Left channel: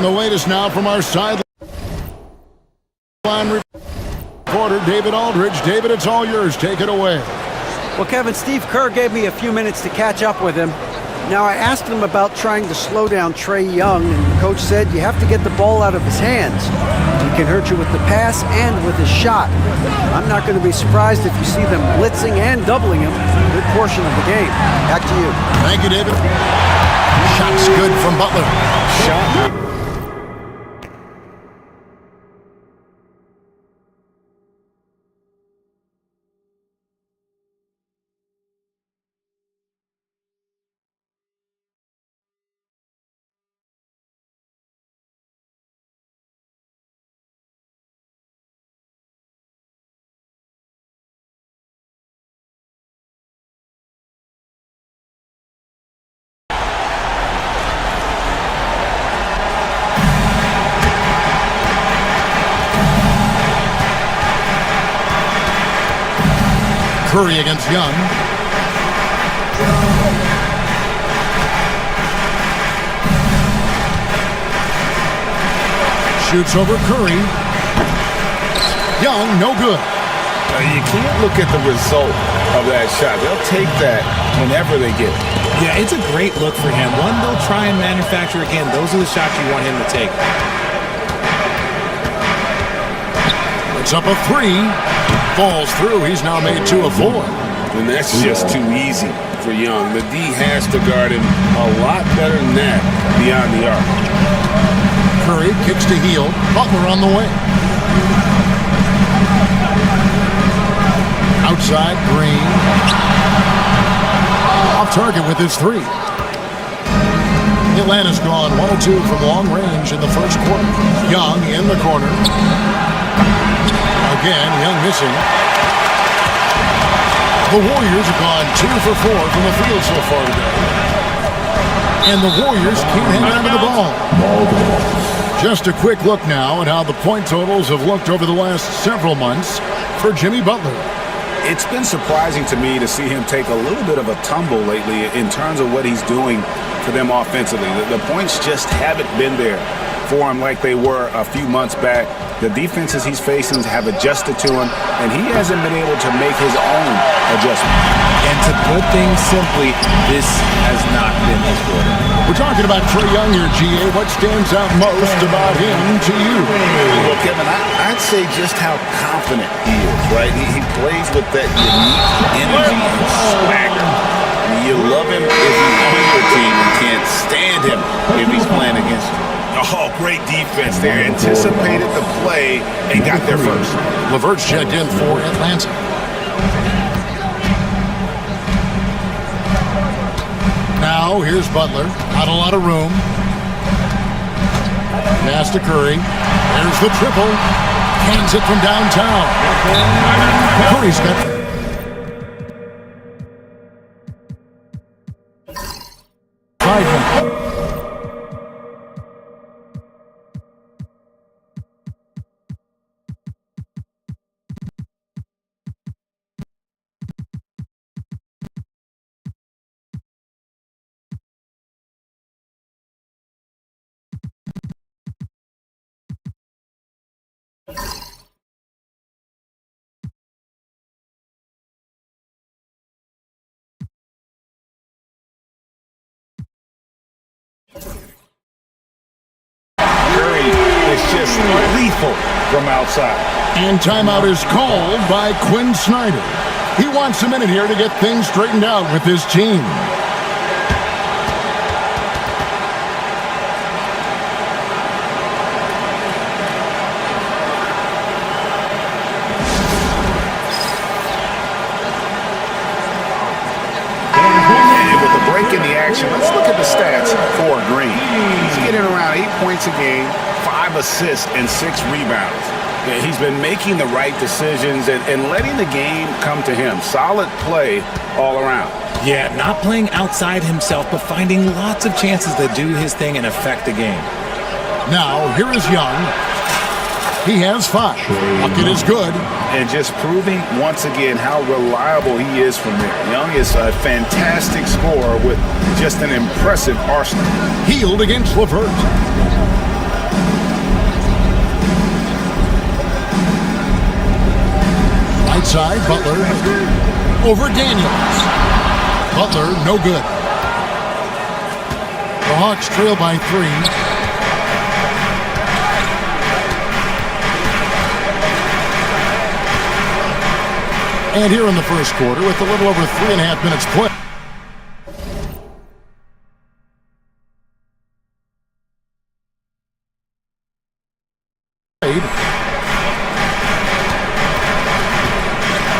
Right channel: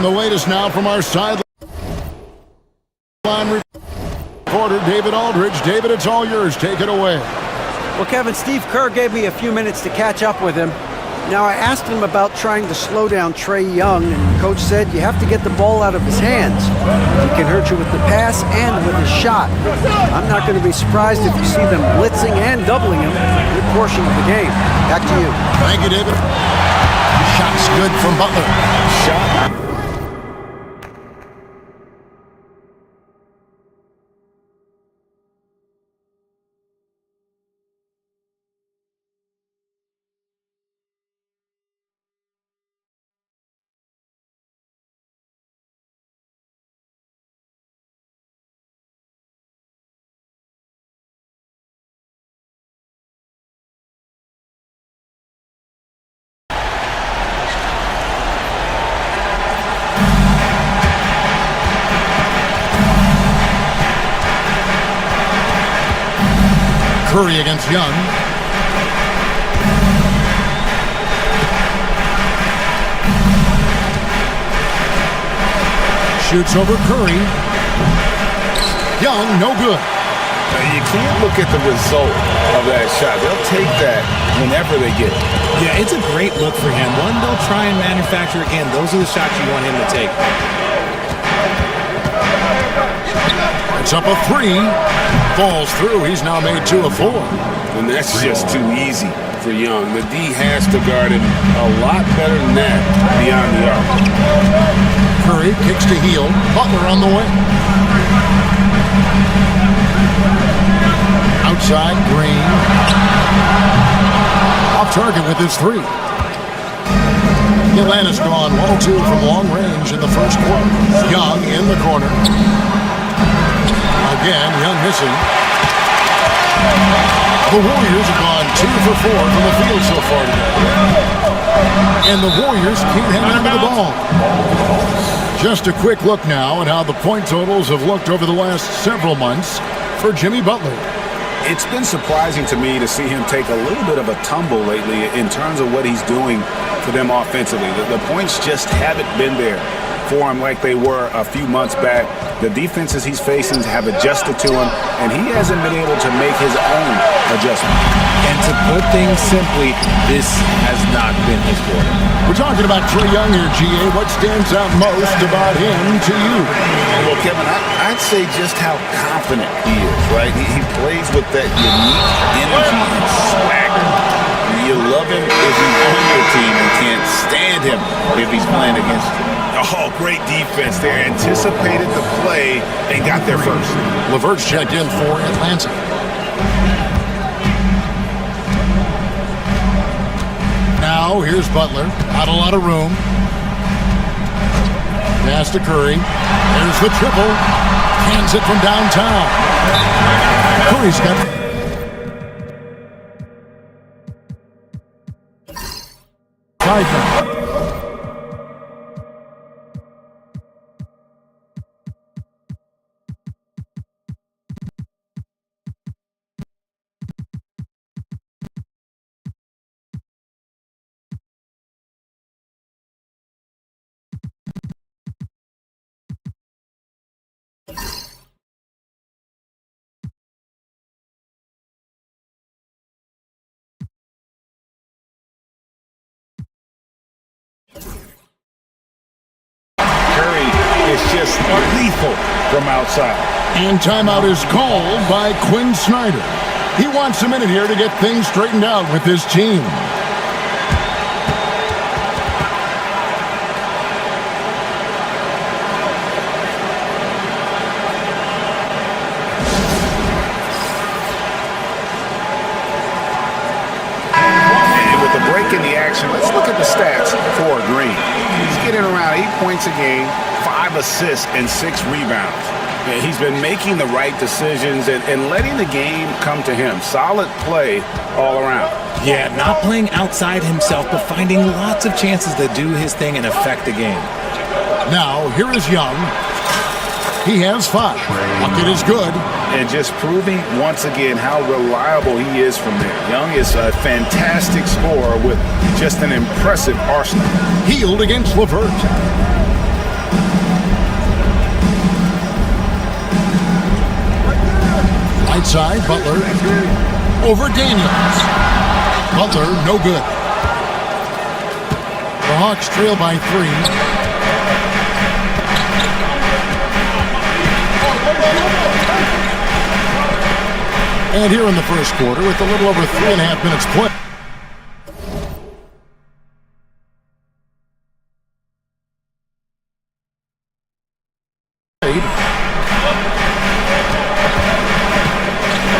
Getting the latest now from our sideline reporter, David Aldridge. David, it's all yours. Take it away. Well, Kevin, Steve Kerr gave me a few minutes to catch up with him. Now, I asked him about trying to slow down Trae Young, and Coach said you have to get the ball out of his hands. He can hurt you with the pass and with his shot. I'm not going to be surprised if you see them blitzing and doubling him a good portion of the game. Back to you. Thank you, David. Shot's good from Butler. Shot. Curry against Young. Shoots over Curry. Young, no good. You can't look at the result of that shot. They'll take that whenever they get it. Yeah, it's a great look for him. One, they'll try and manufacture again. Those are the shots you want him to take. It's up a three. Falls through. He's now made 2 of 4. And that's just too easy for Young. The D has to guard him a lot better than that beyond the arc. Curry kicks to Hield. Butler on the way. Outside, Green. Off target with his 3. Atlanta's gone 1-2 from long range in the first quarter. Young in the corner. Again, Young missing. The Warriors have gone 2 for 4 from the field so far today. And the Warriors can't hang on to the ball. Just a quick look now at how the point totals have looked over the last several months for Jimmy Butler. It's been surprising to me to see him take a little bit of a tumble lately in terms of what he's doing for them offensively. The points just haven't been there for him like they were a few months back. The defenses he's facing have adjusted to him, and he hasn't been able to make his own adjustment. And to put things simply, this has not been his quarter. We're talking about Trae Young here, GA. What stands out most about him to you? Well, Kevin, I'd say just how confident he is, right? He plays with that unique energy and swagger. You love him if he's on your team and can't stand him if he's playing against you. Oh, great defense there. Anticipated the play and got there first. LeVert's checked in for Atlanta. Now, here's Butler. Not a lot of room. Pass to Curry. There's the triple. Cans it from downtown. Curry's got 5 now. Curry is just lethal from outside. And timeout is called by Quinn Snyder. He wants a minute here to get things straightened out with his team. Break in the action. Let's look at the stats for Green. He's getting around 8 points a game, 5 assists, and 6 rebounds. He's been making the right decisions and letting the game come to him. Solid play all around. Yeah, not playing outside himself, but finding lots of chances to do his thing and affect the game. Now, here is Young. He has 5. Bucket is good. And just proving once again how reliable he is from there. Young is a fantastic scorer with just an impressive arsenal. Hield against LeVert. Right side, Butler over Daniels. Butler, no good. The Hawks trail by 3. And here in the first quarter, with a little over 3.5 minutes played.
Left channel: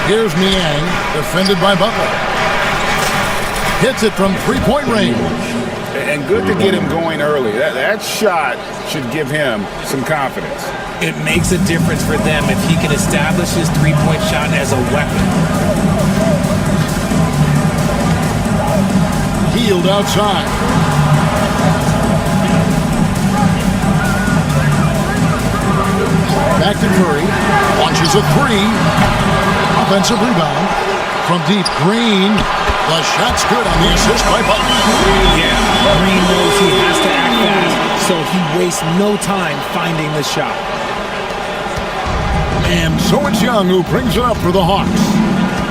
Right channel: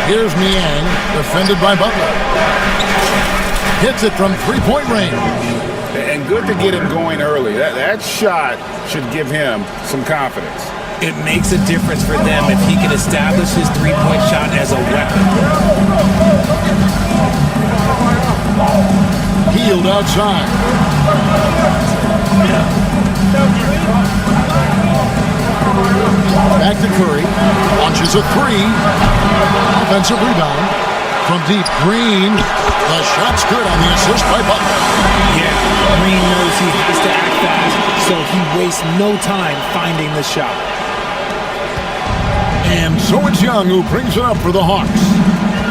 Here's Niang, defended by Butler. Hits it from three-point range. And good to get him going early. That shot should give him some confidence. It makes a difference for them if he can establish his three-point shot as a weapon. Healed outside. Back to Curry. Launches a 3. Offensive rebound from deep. Green. The shot's good on the assist by Butler. Yeah, Green knows he has to act fast, so he wastes no time finding the shot. And so it's Young who brings it up for the Hawks.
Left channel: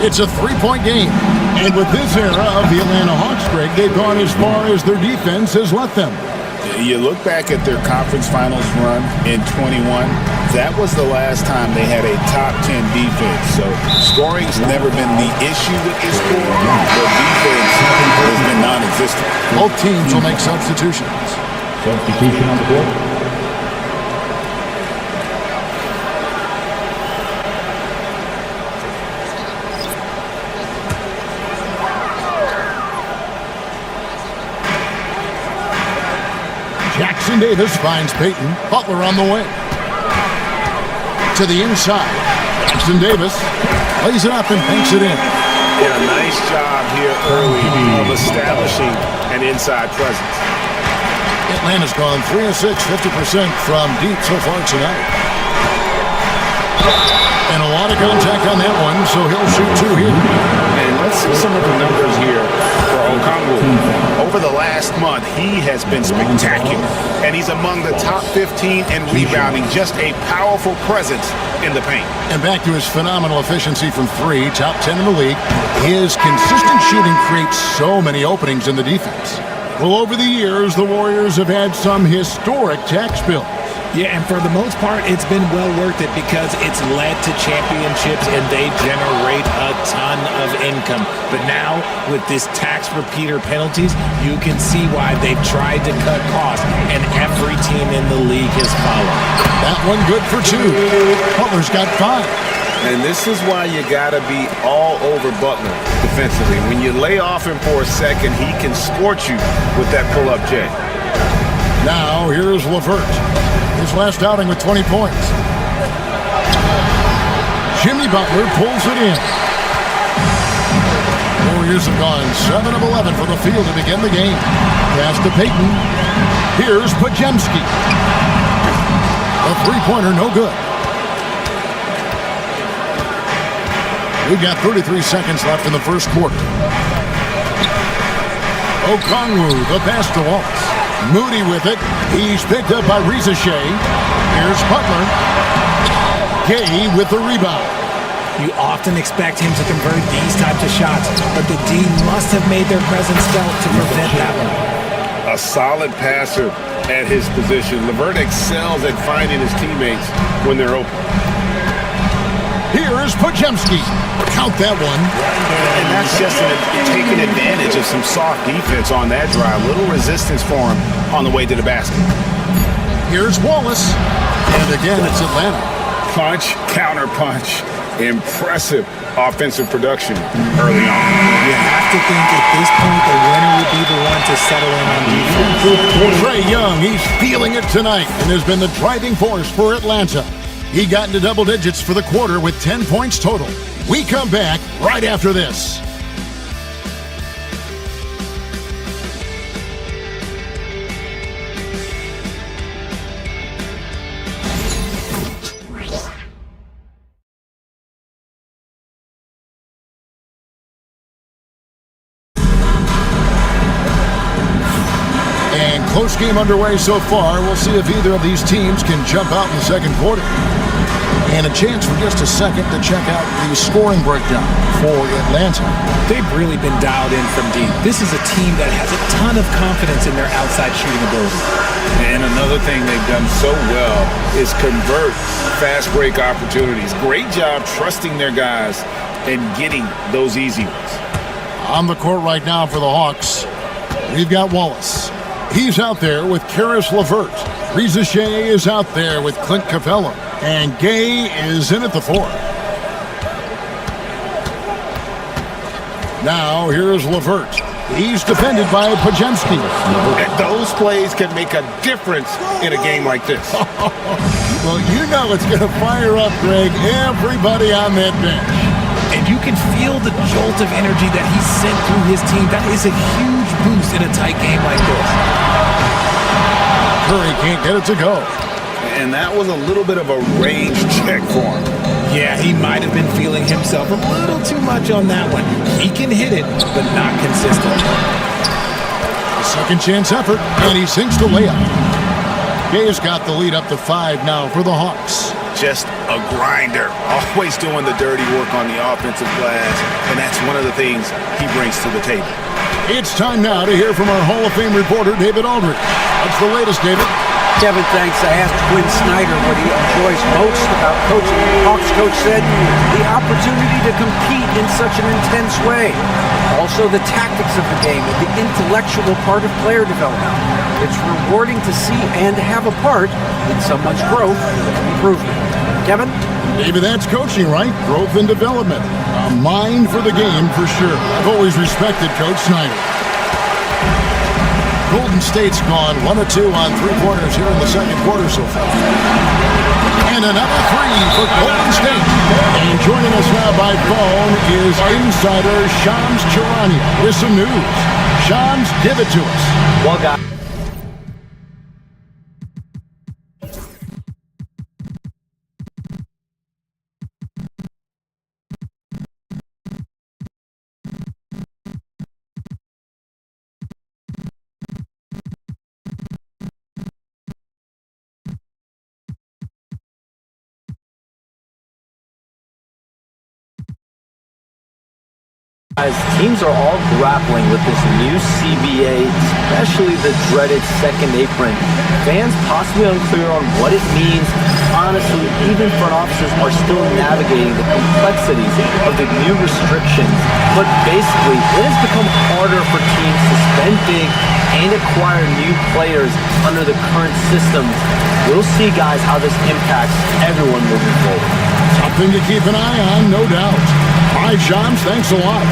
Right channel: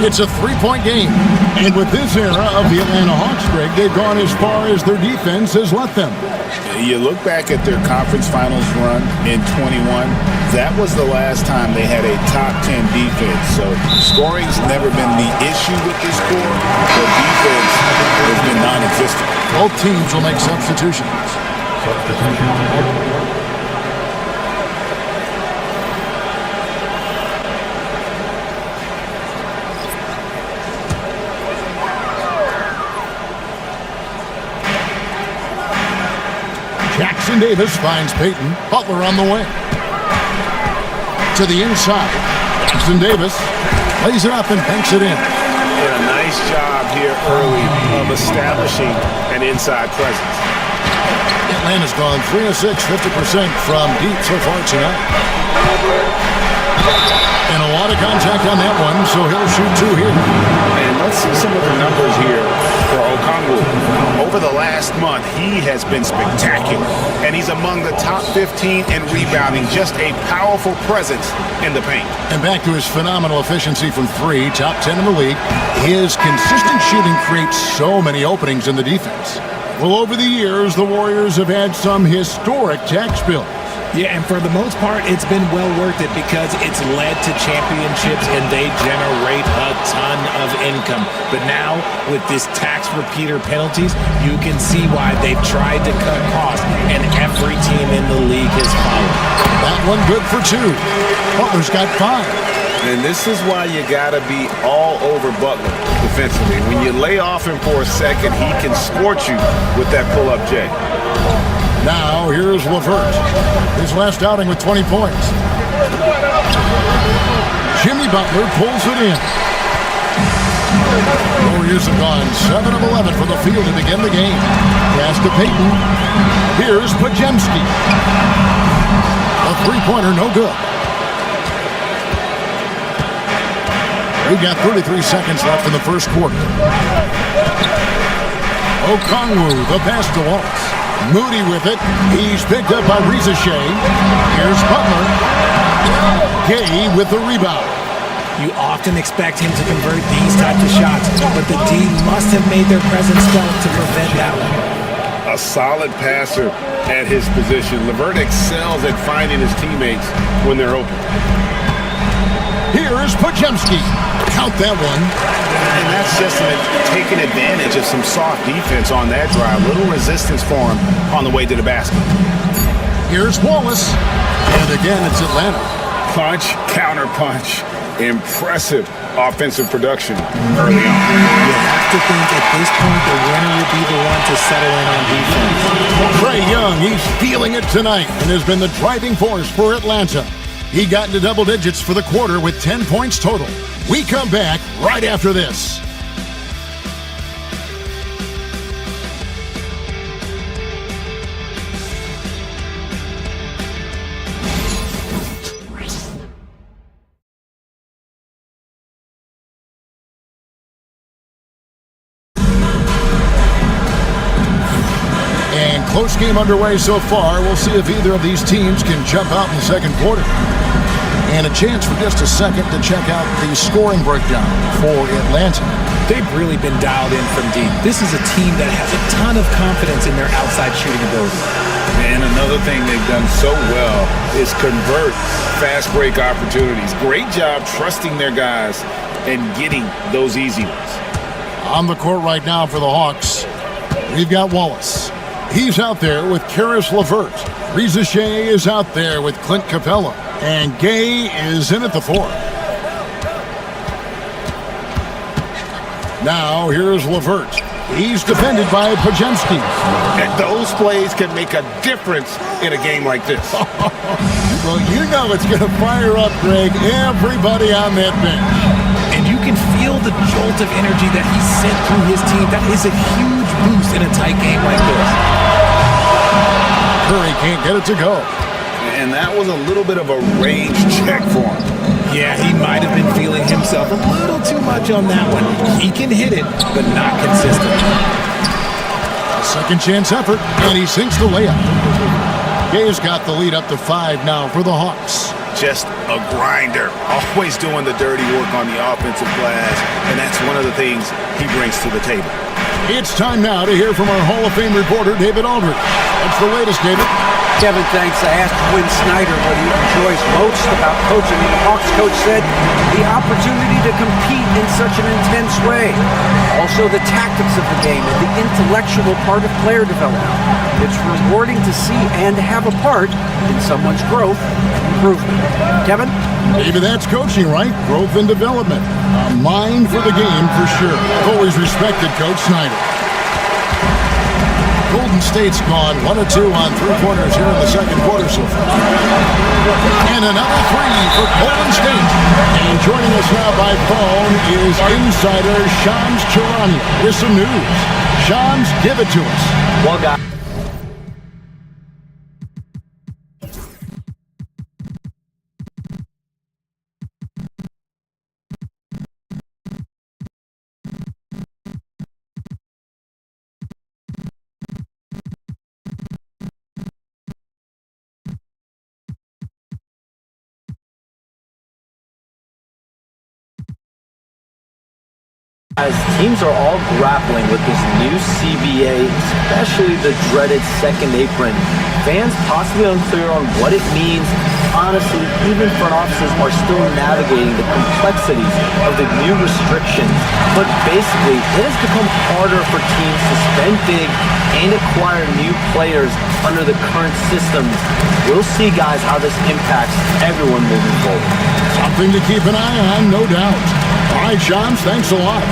It's a 3-point game. And with this era of the Atlanta Hawks, Greg, they've gone as far as their defense has let them. You look back at their conference finals run in 21, that was the last time they had a top 10 defense. So scoring's never been the issue with this core, but defense has been non-existent. Both teams will make substitutions. Substitution on the court. Jackson Davis finds Payton. Butler on the way. To the inside. Jackson Davis lays it up and banks it in. Did a nice job here early of establishing an inside presence. Atlanta's gone 3 of 6, 50% from deep so far tonight. And a lot of contact on that one, so he'll shoot 2 here. And let's see some of the numbers here for Okongwu. Over the last month, he has been spectacular. And he's among the top 15 in rebounding. Just a powerful presence in the paint. And back to his phenomenal efficiency from 3, top 10 in the league. His consistent shooting creates so many openings in the defense. Well, over the years, the Warriors have had some historic tax bills. Yeah, and for the most part, it's been well worth it because it's led to championships and they generate a ton of income. But now, with this tax repeater penalties, you can see why they've tried to cut costs, and every team in the league has followed. That one good for 2. Butler's got 5. And this is why you got to be all over Butler defensively. When you lay off him for a second, he can scorch you with that pull-up J. Now, here's LeVert. His last outing with 20 points. Jimmy Butler pulls it in. The Warriors have gone 7 of 11 for the field to begin the game. Pass to Payton. Here's Podziemski. A three-pointer, no good. We've got 33 seconds left in the first quarter. Okongwu, the pass to Waltz. Moody with it. He's picked up by Reza Shea. Here's Butler. Gay with the rebound. You often expect him to convert these types of shots, but the D must have made their presence felt to prevent that one. A solid passer at his position. LeVert excels at finding his teammates when they're open. Here's Podziemski. Count that one. And that's just taking advantage of some soft defense on that drive. Little resistance for him on the way to the basket. Here's Wallace. And again, it's Atlanta. Punch, counter punch. Impressive offensive production early on. You have to think at this point the winner would be the one to settle in on defense. Trae Young, he's feeling it tonight and has been the driving force for Atlanta. He got into double digits for the quarter with 10 points total. We come back right after this. And close game underway so far. We'll see if either of these teams can jump out in the second quarter. And a chance for just a second to check out the scoring breakdown for Atlanta. They've really been dialed in from deep. This is a team that has a ton of confidence in their outside shooting ability. And another thing they've done so well is convert fast break opportunities. Great job trusting their guys and getting those easy ones. On the court right now for the Hawks, we've got Wallace. He's out there with Karis LeVert. Reza Shea is out there with Clint Capella. And Gay is in at the 4. Now here's LeVert. He's defended by Podziemski. And those plays can make a difference in a game like this. Well, you know it's going to fire up, Greg, everybody on that bench. And you can feel the jolt of energy that he sent through his team. That is a huge boost in a tight game like this. Curry can't get it to go. And that was a little bit of a range check for him. Yeah, he might have been feeling himself a little too much on that one. He can hit it, but not consistently. A second chance effort, and he sinks the layup. Gay's got the lead up to 5 now for the Hawks. Just a grinder, always doing the dirty work on the offensive glass, and that's one of the things he brings to the table. It's time now to hear from our Hall of Fame reporter, David Aldridge. What's the latest, David? Kevin, thanks. I asked Quinn Snyder what he enjoys most about coaching, and the Hawks coach said the opportunity to compete in such an intense way. Also, the tactics of the game and the intellectual part of player development. It's rewarding to see and have a part in someone's growth and improvement. Kevin? David, that's coaching, right? Growth and development. A mind for the game, for sure. I've always respected Coach Snyder. Golden State's gone 1 of 2 on 3-pointers here in the second quarter so far. And another 3 for Golden State. And joining us now by phone is insider Shams Charania with some news. Shams, give it to us. Well, guys. Teams are all grappling with this new CBA, especially the dreaded second apron. Fans possibly unclear on what it means. Honestly, even front offices are still navigating the complexities of the new restrictions. But basically, it has become harder for teams to spend big and acquire new players under the current systems. We'll see, guys, how this impacts everyone moving forward. Something to keep an eye on, no doubt. All right, Shams, thanks a lot.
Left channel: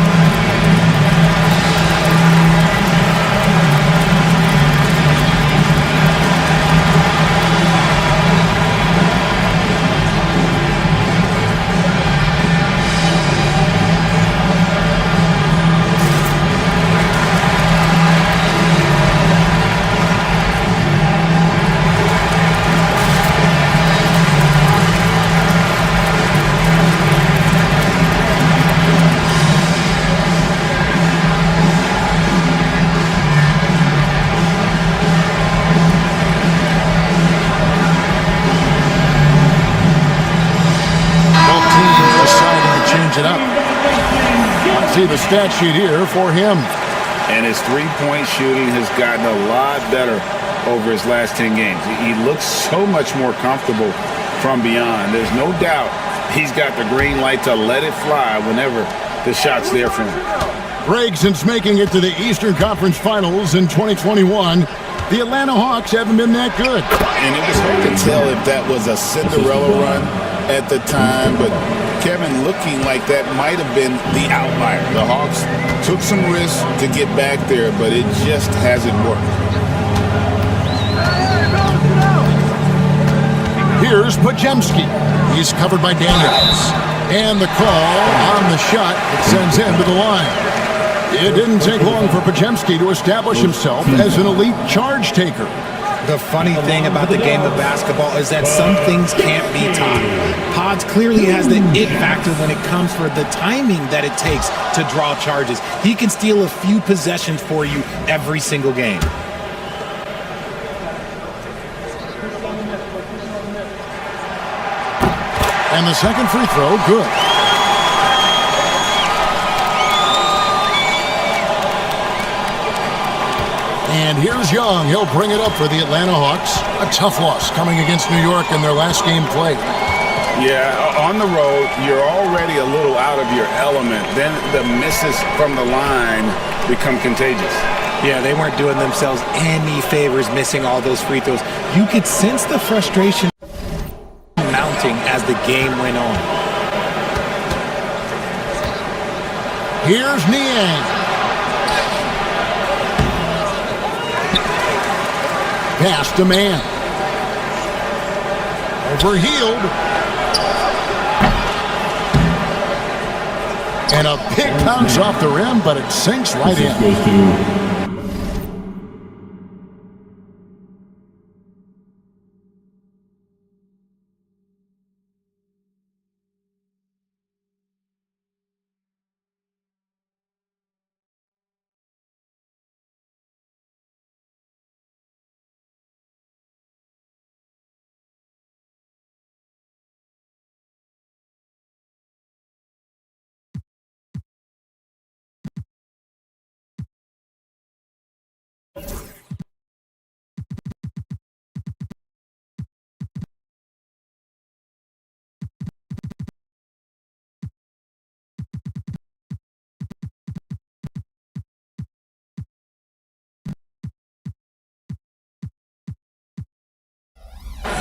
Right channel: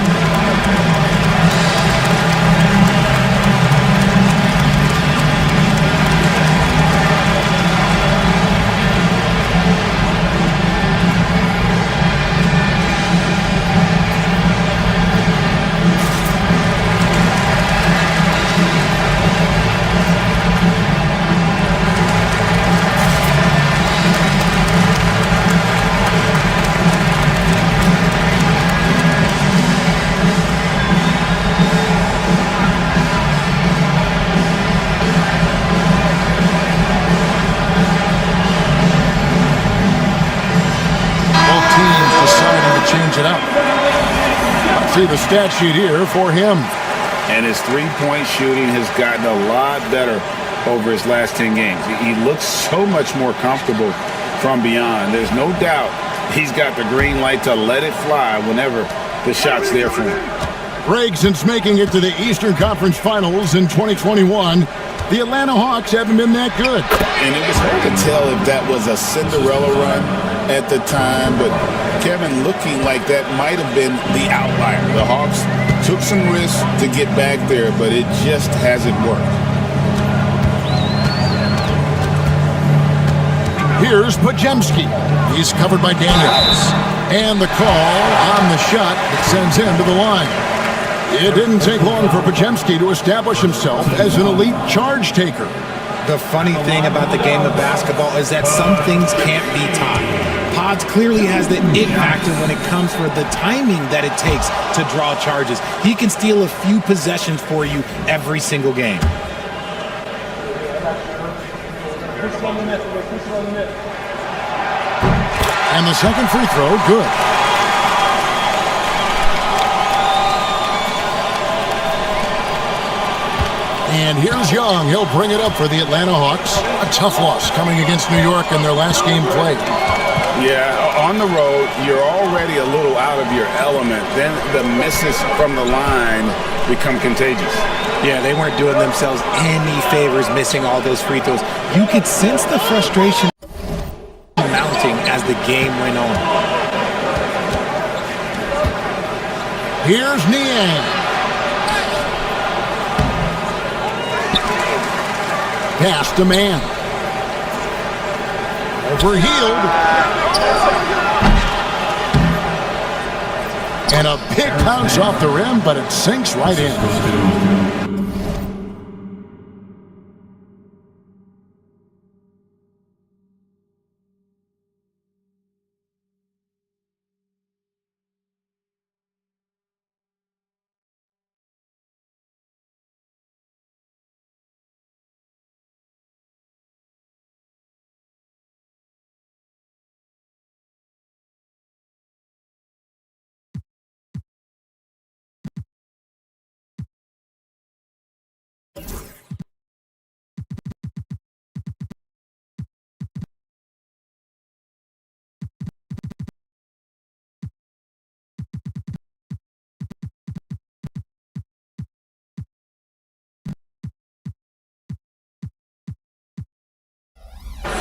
Change it up. Let's see the stat sheet here for him. And his three-point shooting has gotten a lot better over his last 10 games. He looks so much more comfortable from beyond. There's no doubt he's got the green light to let it fly whenever the shot's there for him. Greg, since making it to the Eastern Conference Finals in 2021, the Atlanta Hawks haven't been that good. And it was hard to tell if that was a Cinderella run at the time, but Kevin, looking like that might have been the outlier. The Hawks took some risks to get back there, but it just hasn't worked. Here's Podziemski. He's covered by Daniels. And the call on the shot that sends him to the line. It didn't take long for Podziemski to establish himself as an elite charge taker. The funny thing about the game of basketball is that some things can't be taught. Pods clearly has the it factor when it comes for the timing that it takes to draw charges. He can steal a few possessions for you every single game. And the second free throw, good. And here's Young. He'll bring it up for the Atlanta Hawks. A tough loss coming against New York in their last game played. Yeah, on the road, you're already a little out of your element. Then the misses from the line become contagious. Yeah, they weren't doing themselves any favors missing all those free throws. You could sense the frustration mounting as the game went on. Here's Niang. Pass to man. Overhealed. And a big bounce off the rim, but it sinks right in. Goes to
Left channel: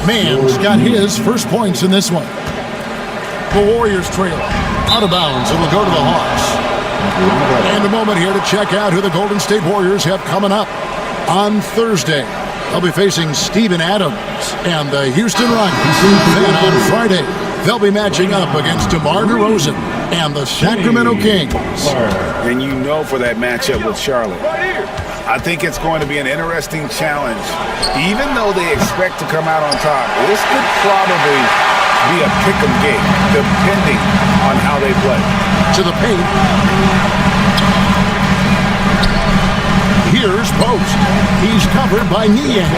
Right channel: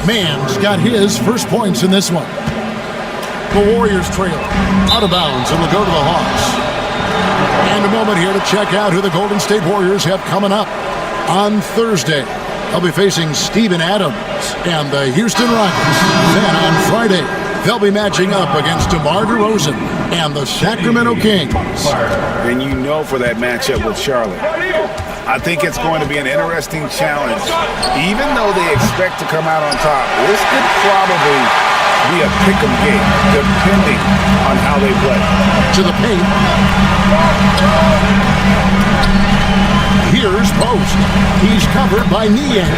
Mann's got his first points in this one. The Warriors trail. Out of bounds. It will go to the Hawks. And a moment here to check out who the Golden State Warriors have coming up. On Thursday, they'll be facing Steven Adams and the Houston Rockets. Then on Friday, they'll be matching up against DeMar DeRozan and the Sacramento Kings. And you know for that matchup with Charlotte. I think it's going to be an interesting challenge. Even though they expect to come out on top, this could probably be a pick-em game, depending on how they play. To the paint. Here's Post. He's covered by Niang,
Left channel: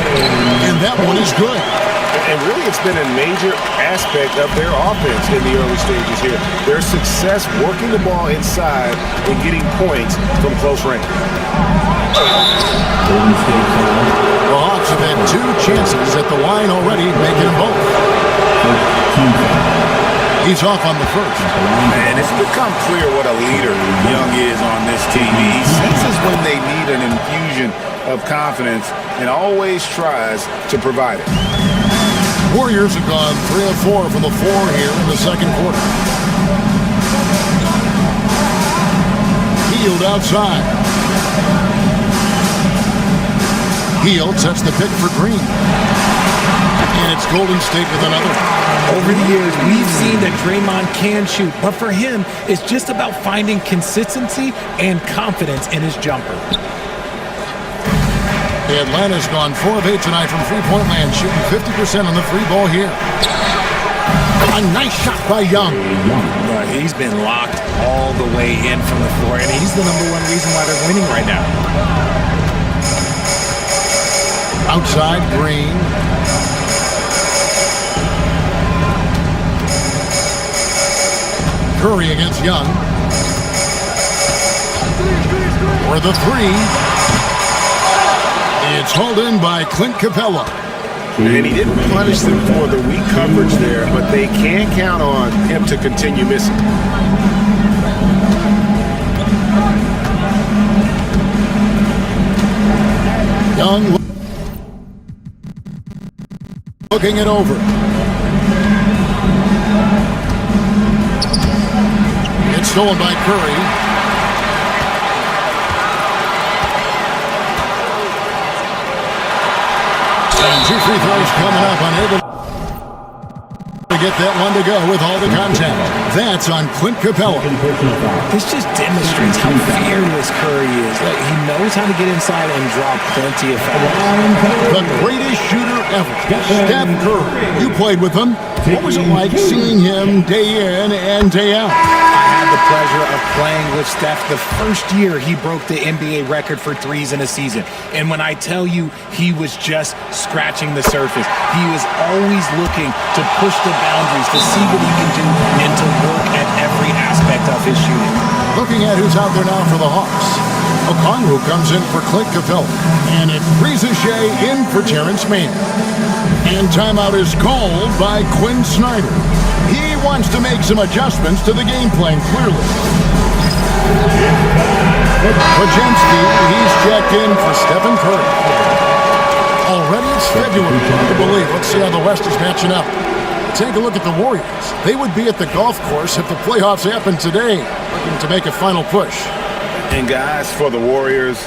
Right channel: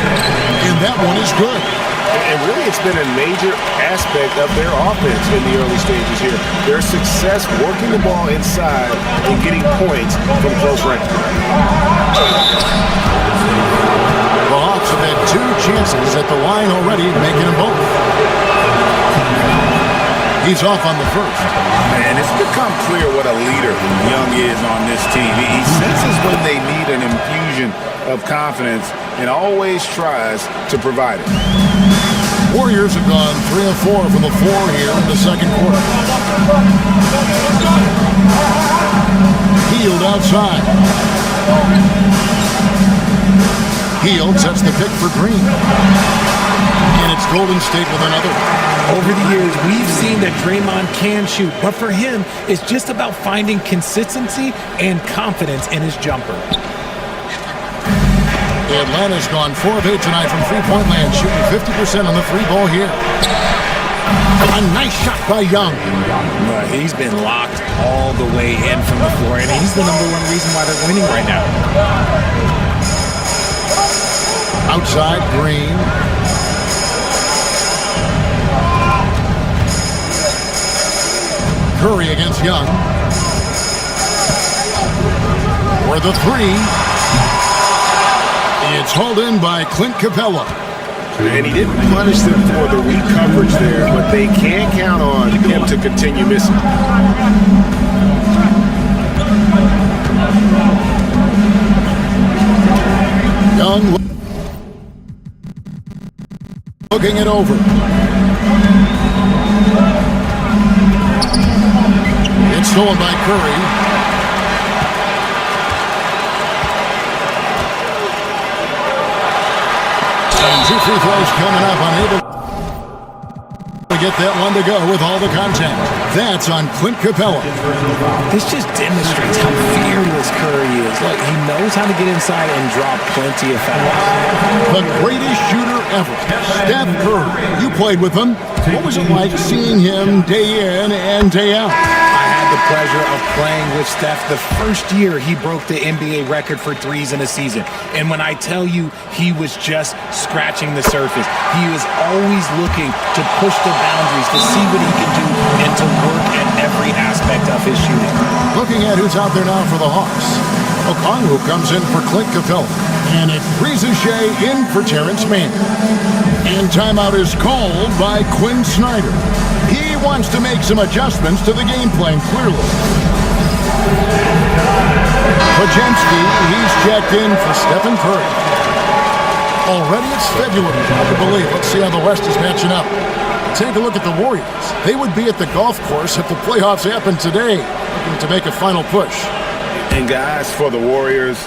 and that one is good. And really, it's been a major aspect of their offense in the early stages here. Their success working the ball inside and getting points from close range. The Hawks have had two chances at the line already, making them both. He's off on the first. Man, it's become clear what a leader Young is on this team. He senses when they need an infusion of confidence and always tries to provide it. Warriors have gone 3 of 4 from the floor here in the second quarter. Hield outside. Hield sets the pick for Green. And it's Golden State with another. Over the years, we've seen that Draymond can shoot, but for him, it's just about finding consistency and confidence in his jumper. Atlanta's gone 4 of 8 tonight from three-point land, shooting 50% on the three ball here. A nice shot by Young. But he's been locked all the way in from the floor, and he's the #1 reason why they're winning right now. Outside, Green. Curry against Young. For the three. It's hauled in by Clint Capella. And he didn't punish them for the weak coverage there, but they can't count on him to continue missing. Young looking it over. It's stolen by Curry. And 2 free throws coming up, unable to get that one to go with all the contact. That's on Clint Capella. This just demonstrates how fearless Curry is. Like, he knows how to get inside and draw plenty of fouls. The greatest shooter ever, Steph Curry. You played with him. What was it like seeing him day in and day out? I had the pleasure of playing with Steph the first year he broke the NBA record for threes in a season. And when I tell you he was just scratching the surface, he was always looking to push the boundaries, to see what he can do, and to work at every aspect of his shooting. Looking at who's out there now for the Hawks. Okongwu comes in for Clint Capella. And it's Reza Shea in for Terrence Mann. And timeout is called by Quinn Snyder. He wants to make some adjustments to the game plan, clearly. Podziemski, he's checked in for Stephen Curry. Already it's February. Hard to believe. Let's see how the West is matching up. Take a look at the Warriors. They would be at the golf course if the playoffs happened today, looking to make a final push. And guys, for the Warriors,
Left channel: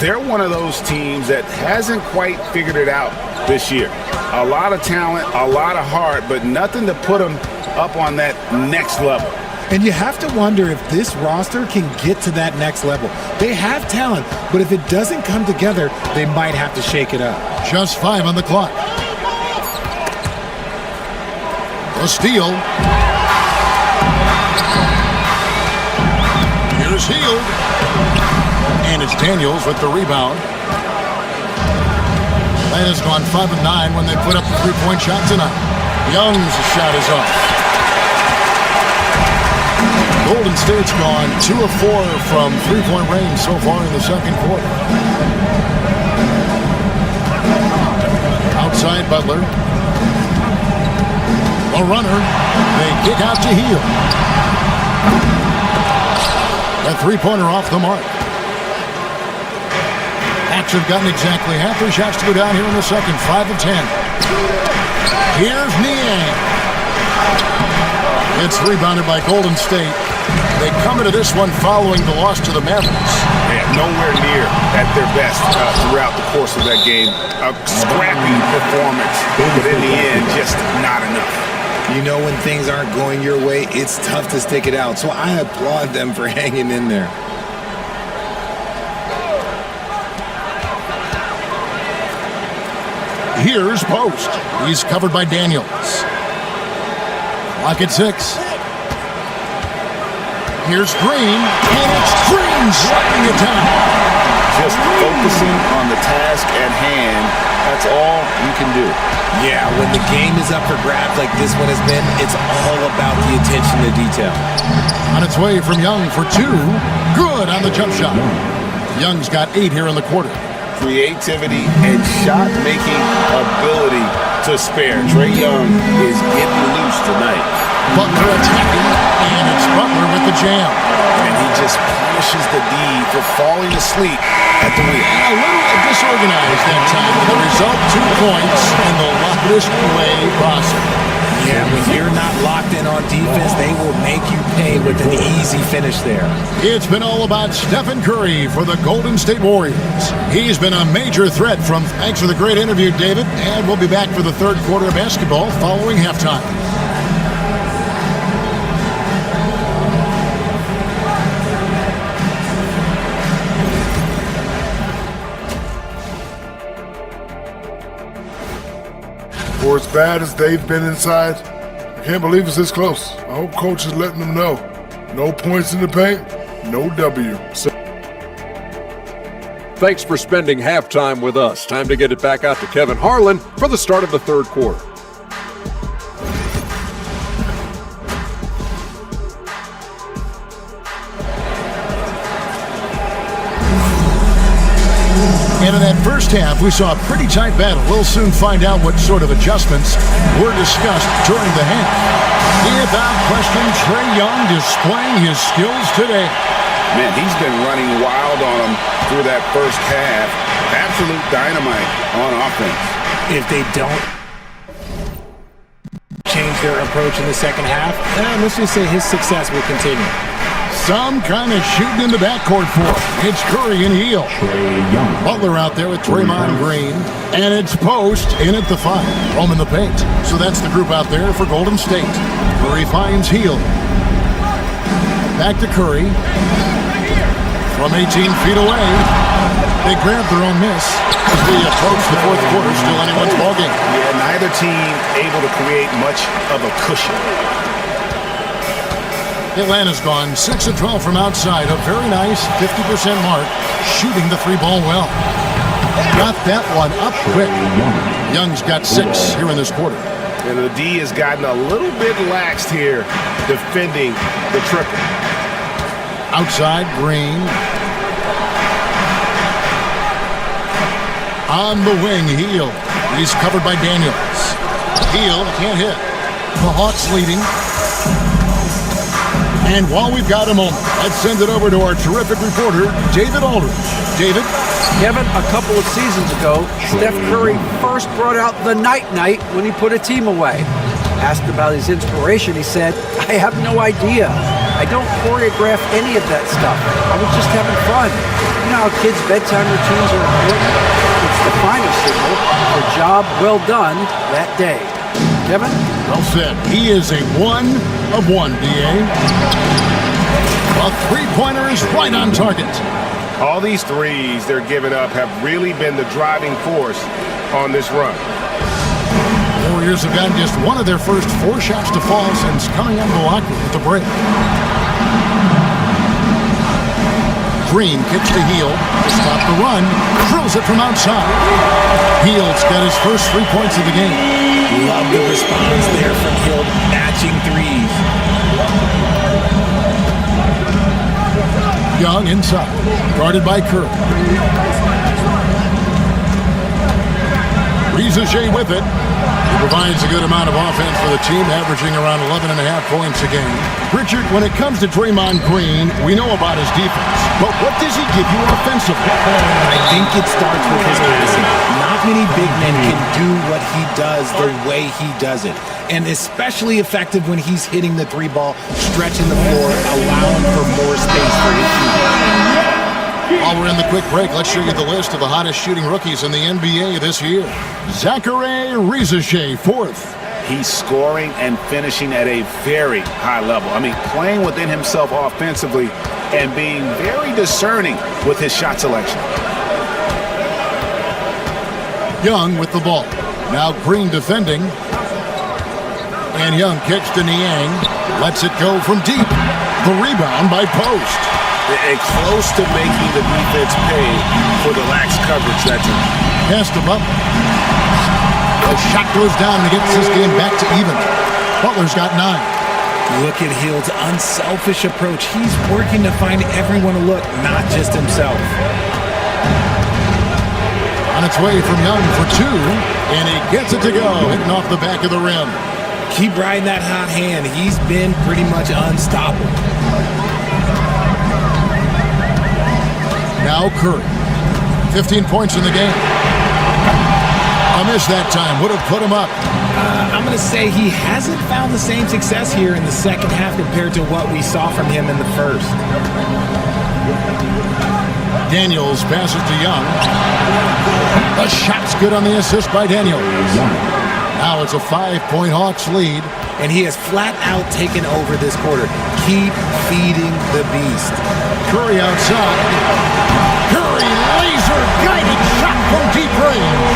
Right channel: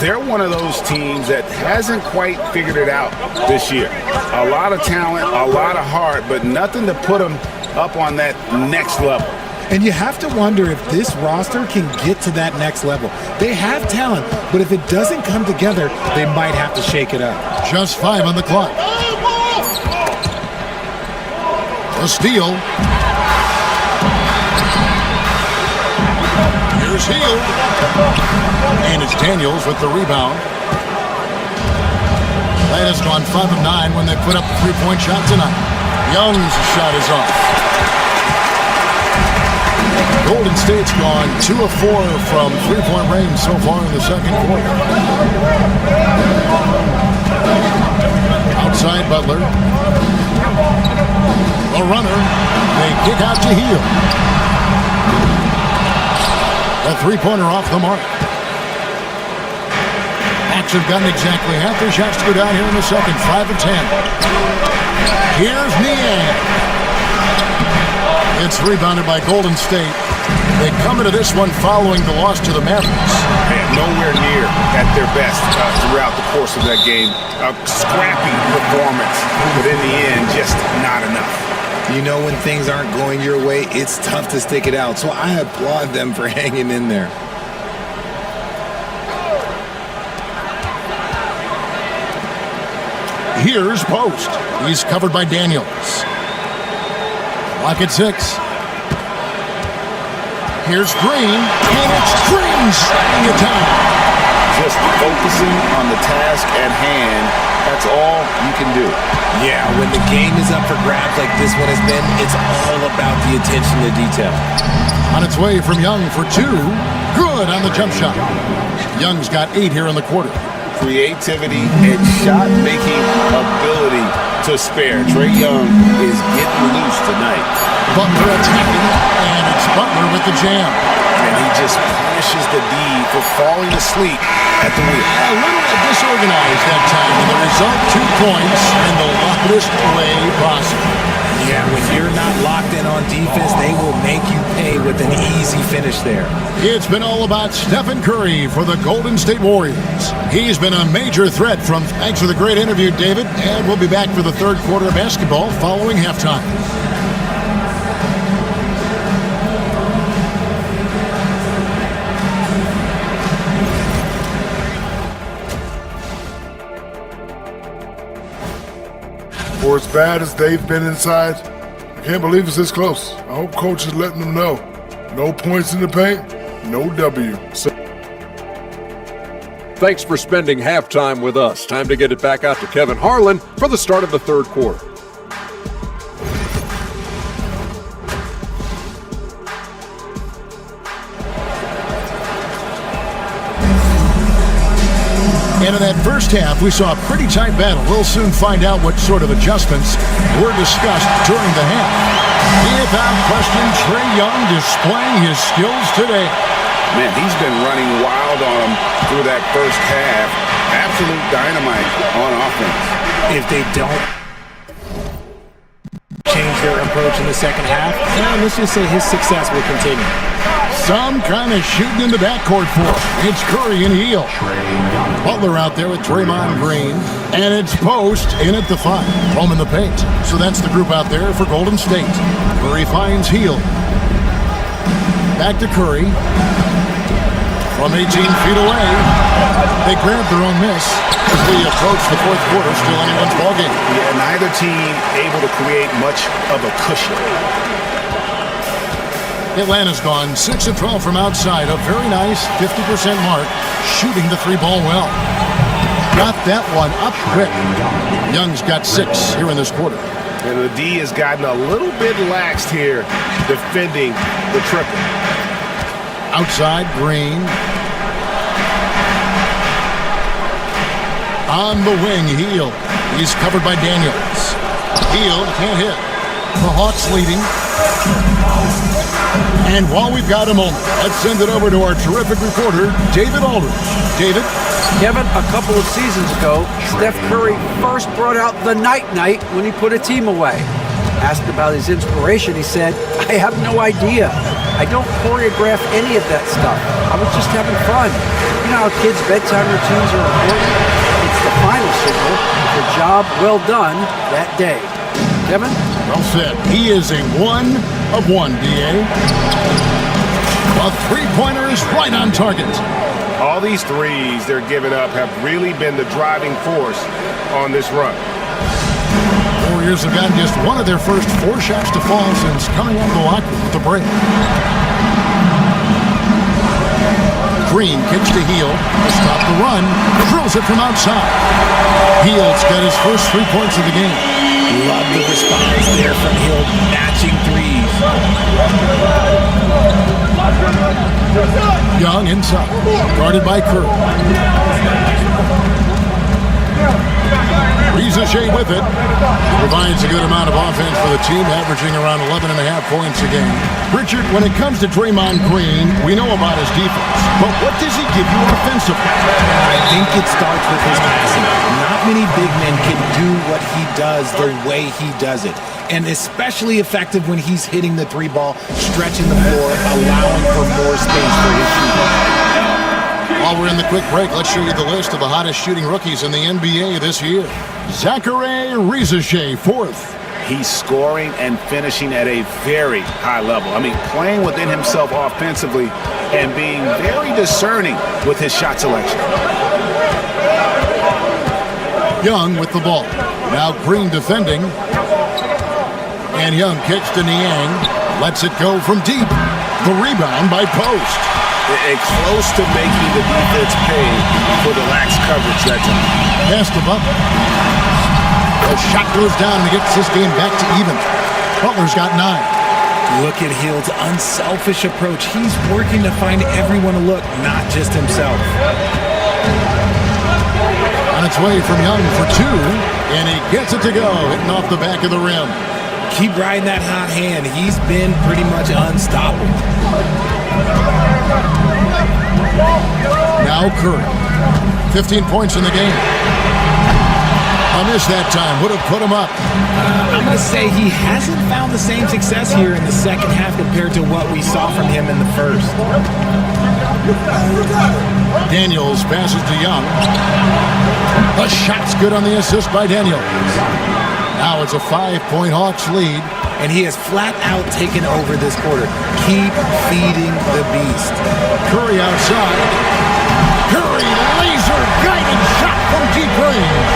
they're one of those teams that hasn't quite figured it out this year. A lot of talent, a lot of heart, but nothing to put them up on that next level. And you have to wonder if this roster can get to that next level. They have talent, but if it doesn't come together, they might have to shake it up. Just 5 on the clock. A steal. Here's Hield. And it's Daniels with the rebound. Atlanta's gone 5 of 9 when they put up the three-point shot tonight. Young's shot is off. Golden State's gone 2 of 4 from three-point range so far in the second quarter. Outside Butler. A runner. They kick out to Hield. A three-pointer off the mark. Hawks have gotten exactly half their shots to go down here in the second. 5 of 10. Here's Niang. It's rebounded by Golden State. They come into this one following the loss to the Mavericks. Yeah, nowhere near at their best throughout the course of that game. A scrappy performance, but in the end, just not enough. You know, when things aren't going your way, it's tough to stick it out. So I applaud them for hanging in there. Here's Post. He's covered by Daniels. Clock at 6. Here's Green, and it's Green sliding it down. Just focusing on the task at hand, that's all you can do. Yeah, when the game is up for grabs like this one has been, it's all about the attention to detail. On its way from Young for 2. Good on the jump shot. Young's got 8 here in the quarter. Creativity and shot-making ability to spare. Trae Young is getting loose tonight. Butler attacking, and it's Butler with the jam. And he just punishes the D for falling asleep at the wheel. A little disorganized that time, and the result 2 points in the loudest way possible. Yeah, when you're not locked in on defense, they will make you pay with an easy finish there. It's been all about Stephen Curry for the Golden State Warriors. He's been a major threat from... Thanks for the great interview, David, and we'll be back for the third quarter of basketball following halftime. For as bad as they've been inside, I can't believe it's this close. I hope coach is letting them know. No points in the paint, no W. Thanks for spending halftime with us. Time to get it back out to Kevin Harlan for the start of the third quarter. And in that first half, we saw a pretty tight battle. We'll soon find out what sort of adjustments were discussed during the half. Without question, Trae Young displaying his skills today. Man, he's been running wild on them through that first half. Absolute dynamite on offense. If they don't change their approach in the second half, let's just say his success will continue. Some kind of shooting in the backcourt for him. It's Curry and Hield. Butler out there with Draymond Green. And it's Post in at the 5. Home in the paint. So that's the group out there for Golden State. Curry finds Hield. Back to Curry. From 18 feet away. They grabbed their own miss as we approach the fourth quarter. Still anyone's ballgame. Yeah, neither team able to create much of a cushion. Atlanta's gone 6 of 12 from outside. A very nice 50% mark, shooting the three ball well. Got that one up quick. Young's got 6 here in this quarter. And the D has gotten a little bit laxed here defending the triple. Outside, Green. On the wing, Hield. He's covered by Daniels. Hield can't hit. The Hawks leading. And while we've got a moment, let's send it over to our terrific reporter, David Aldridge. David? Kevin, a couple of seasons ago, Steph Curry first brought out the night-night when he put a team away. Asked about his inspiration, he said, "I have no idea. I don't choreograph any of that stuff. I was just having fun." You know how kids' bedtime routines are important? It's the final signal for job well done that day. Kevin? Well said. He is a 1 of 1, D.A. A three-pointer is right on target. All these threes they're giving up have really been the driving force on this run. Warriors have gotten just one of their first 4 shots to fall since coming out of the locker room with the break. Green kicks to Hield to stop the run, drills it from outside. Hield's got his first 3 points of the game. Love the response there from Hield, matching threes. Young inside, guarded by Curry. Rizache with it. He provides a good amount of offense for the team, averaging around 11.5 points a game. Richard, when it comes to Draymond Green, we know about his defense, but what does he give you offensively? I think it starts with his passing. Not many big men can do what he does the way he does it. And especially effective when he's hitting the three ball, stretching the floor, allowing for more space for his shooting. While we're in the quick break, let's show you the list of the hottest shooting rookies in the NBA this year. Zachary Rizache, 4th. He's scoring and finishing at a very high level. I mean, playing within himself offensively and being very discerning with his shot selection. Young with the ball. Now Green defending. And Young kicks to Niang. Lets it go from deep. The rebound by Post. Close to making the defense pay for the lax coverage that time. Pass to Butler. The shot goes down and gets this game back to even. Butler's got 9. Look at Hield's unselfish approach. He's working to find everyone to look, not just himself. On its way from Young for 2, and he gets it to go, hitting off the back of the rim. Keep riding that hot hand. He's been pretty much unstoppable. Now Curry. 15 points in the game. A miss that time. Would have put him up. I'm going to say he hasn't found the same success here in the second half compared to what we saw from him in the first. Daniels passes to Young. The shot's good on the assist by Daniels. Now it's a 5-point Hawks lead. And he has flat out taken over this quarter. Keep feeding the beast. Curry outside. Curry laser-guided shot from deep range.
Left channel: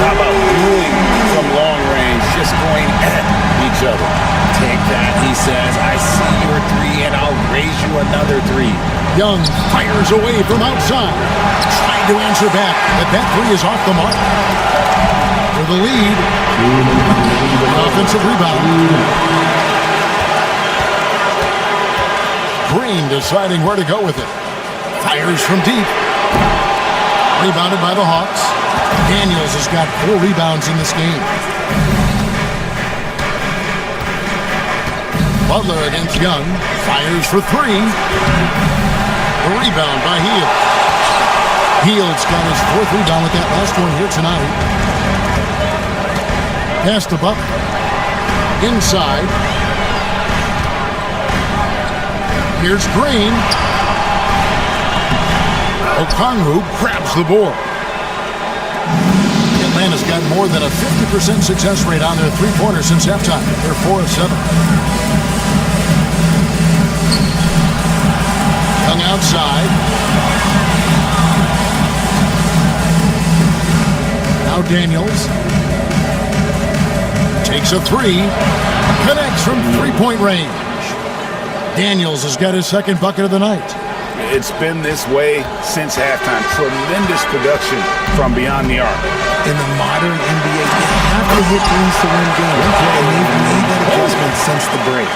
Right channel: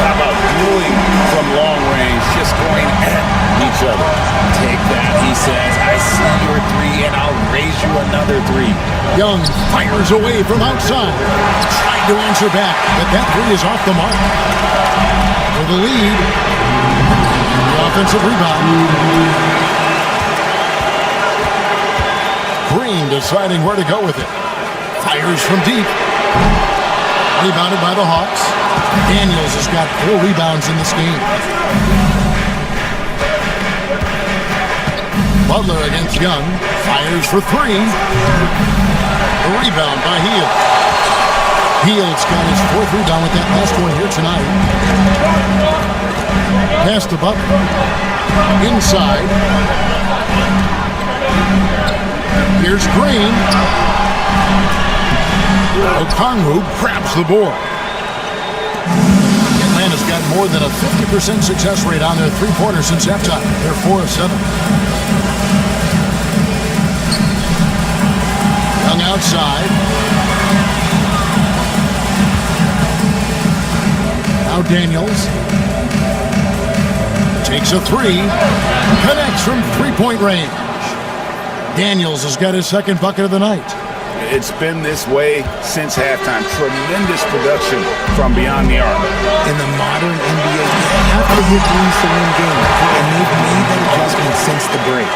How about dueling from long range, just going at each other? Take that, he says. I see your 3, and I'll raise you another 3. Young fires away from outside. Tried to answer back, but that 3 is off the mark. For the lead. The offensive rebound. Green deciding where to go with it. Fires from deep. Rebounded by the Hawks. Daniels has got 4 rebounds in this game. Butler against Young. Fires for 3. The rebound by Hield. Hield's got his 4th rebound with that last one here tonight. Pass to Butler. Inside. Here's Green. Okongwu grabs the board. Atlanta's got more than a 50% success rate on their three-pointers since halftime. They're 4 of 7. Young outside. Now Daniels takes a three, connects from three-point range. Daniels has got his second bucket of the night. It's been this way since halftime. Tremendous production from beyond the arc. In the modern NBA, you have to hit threes to win games, and they've made that adjustment since the break.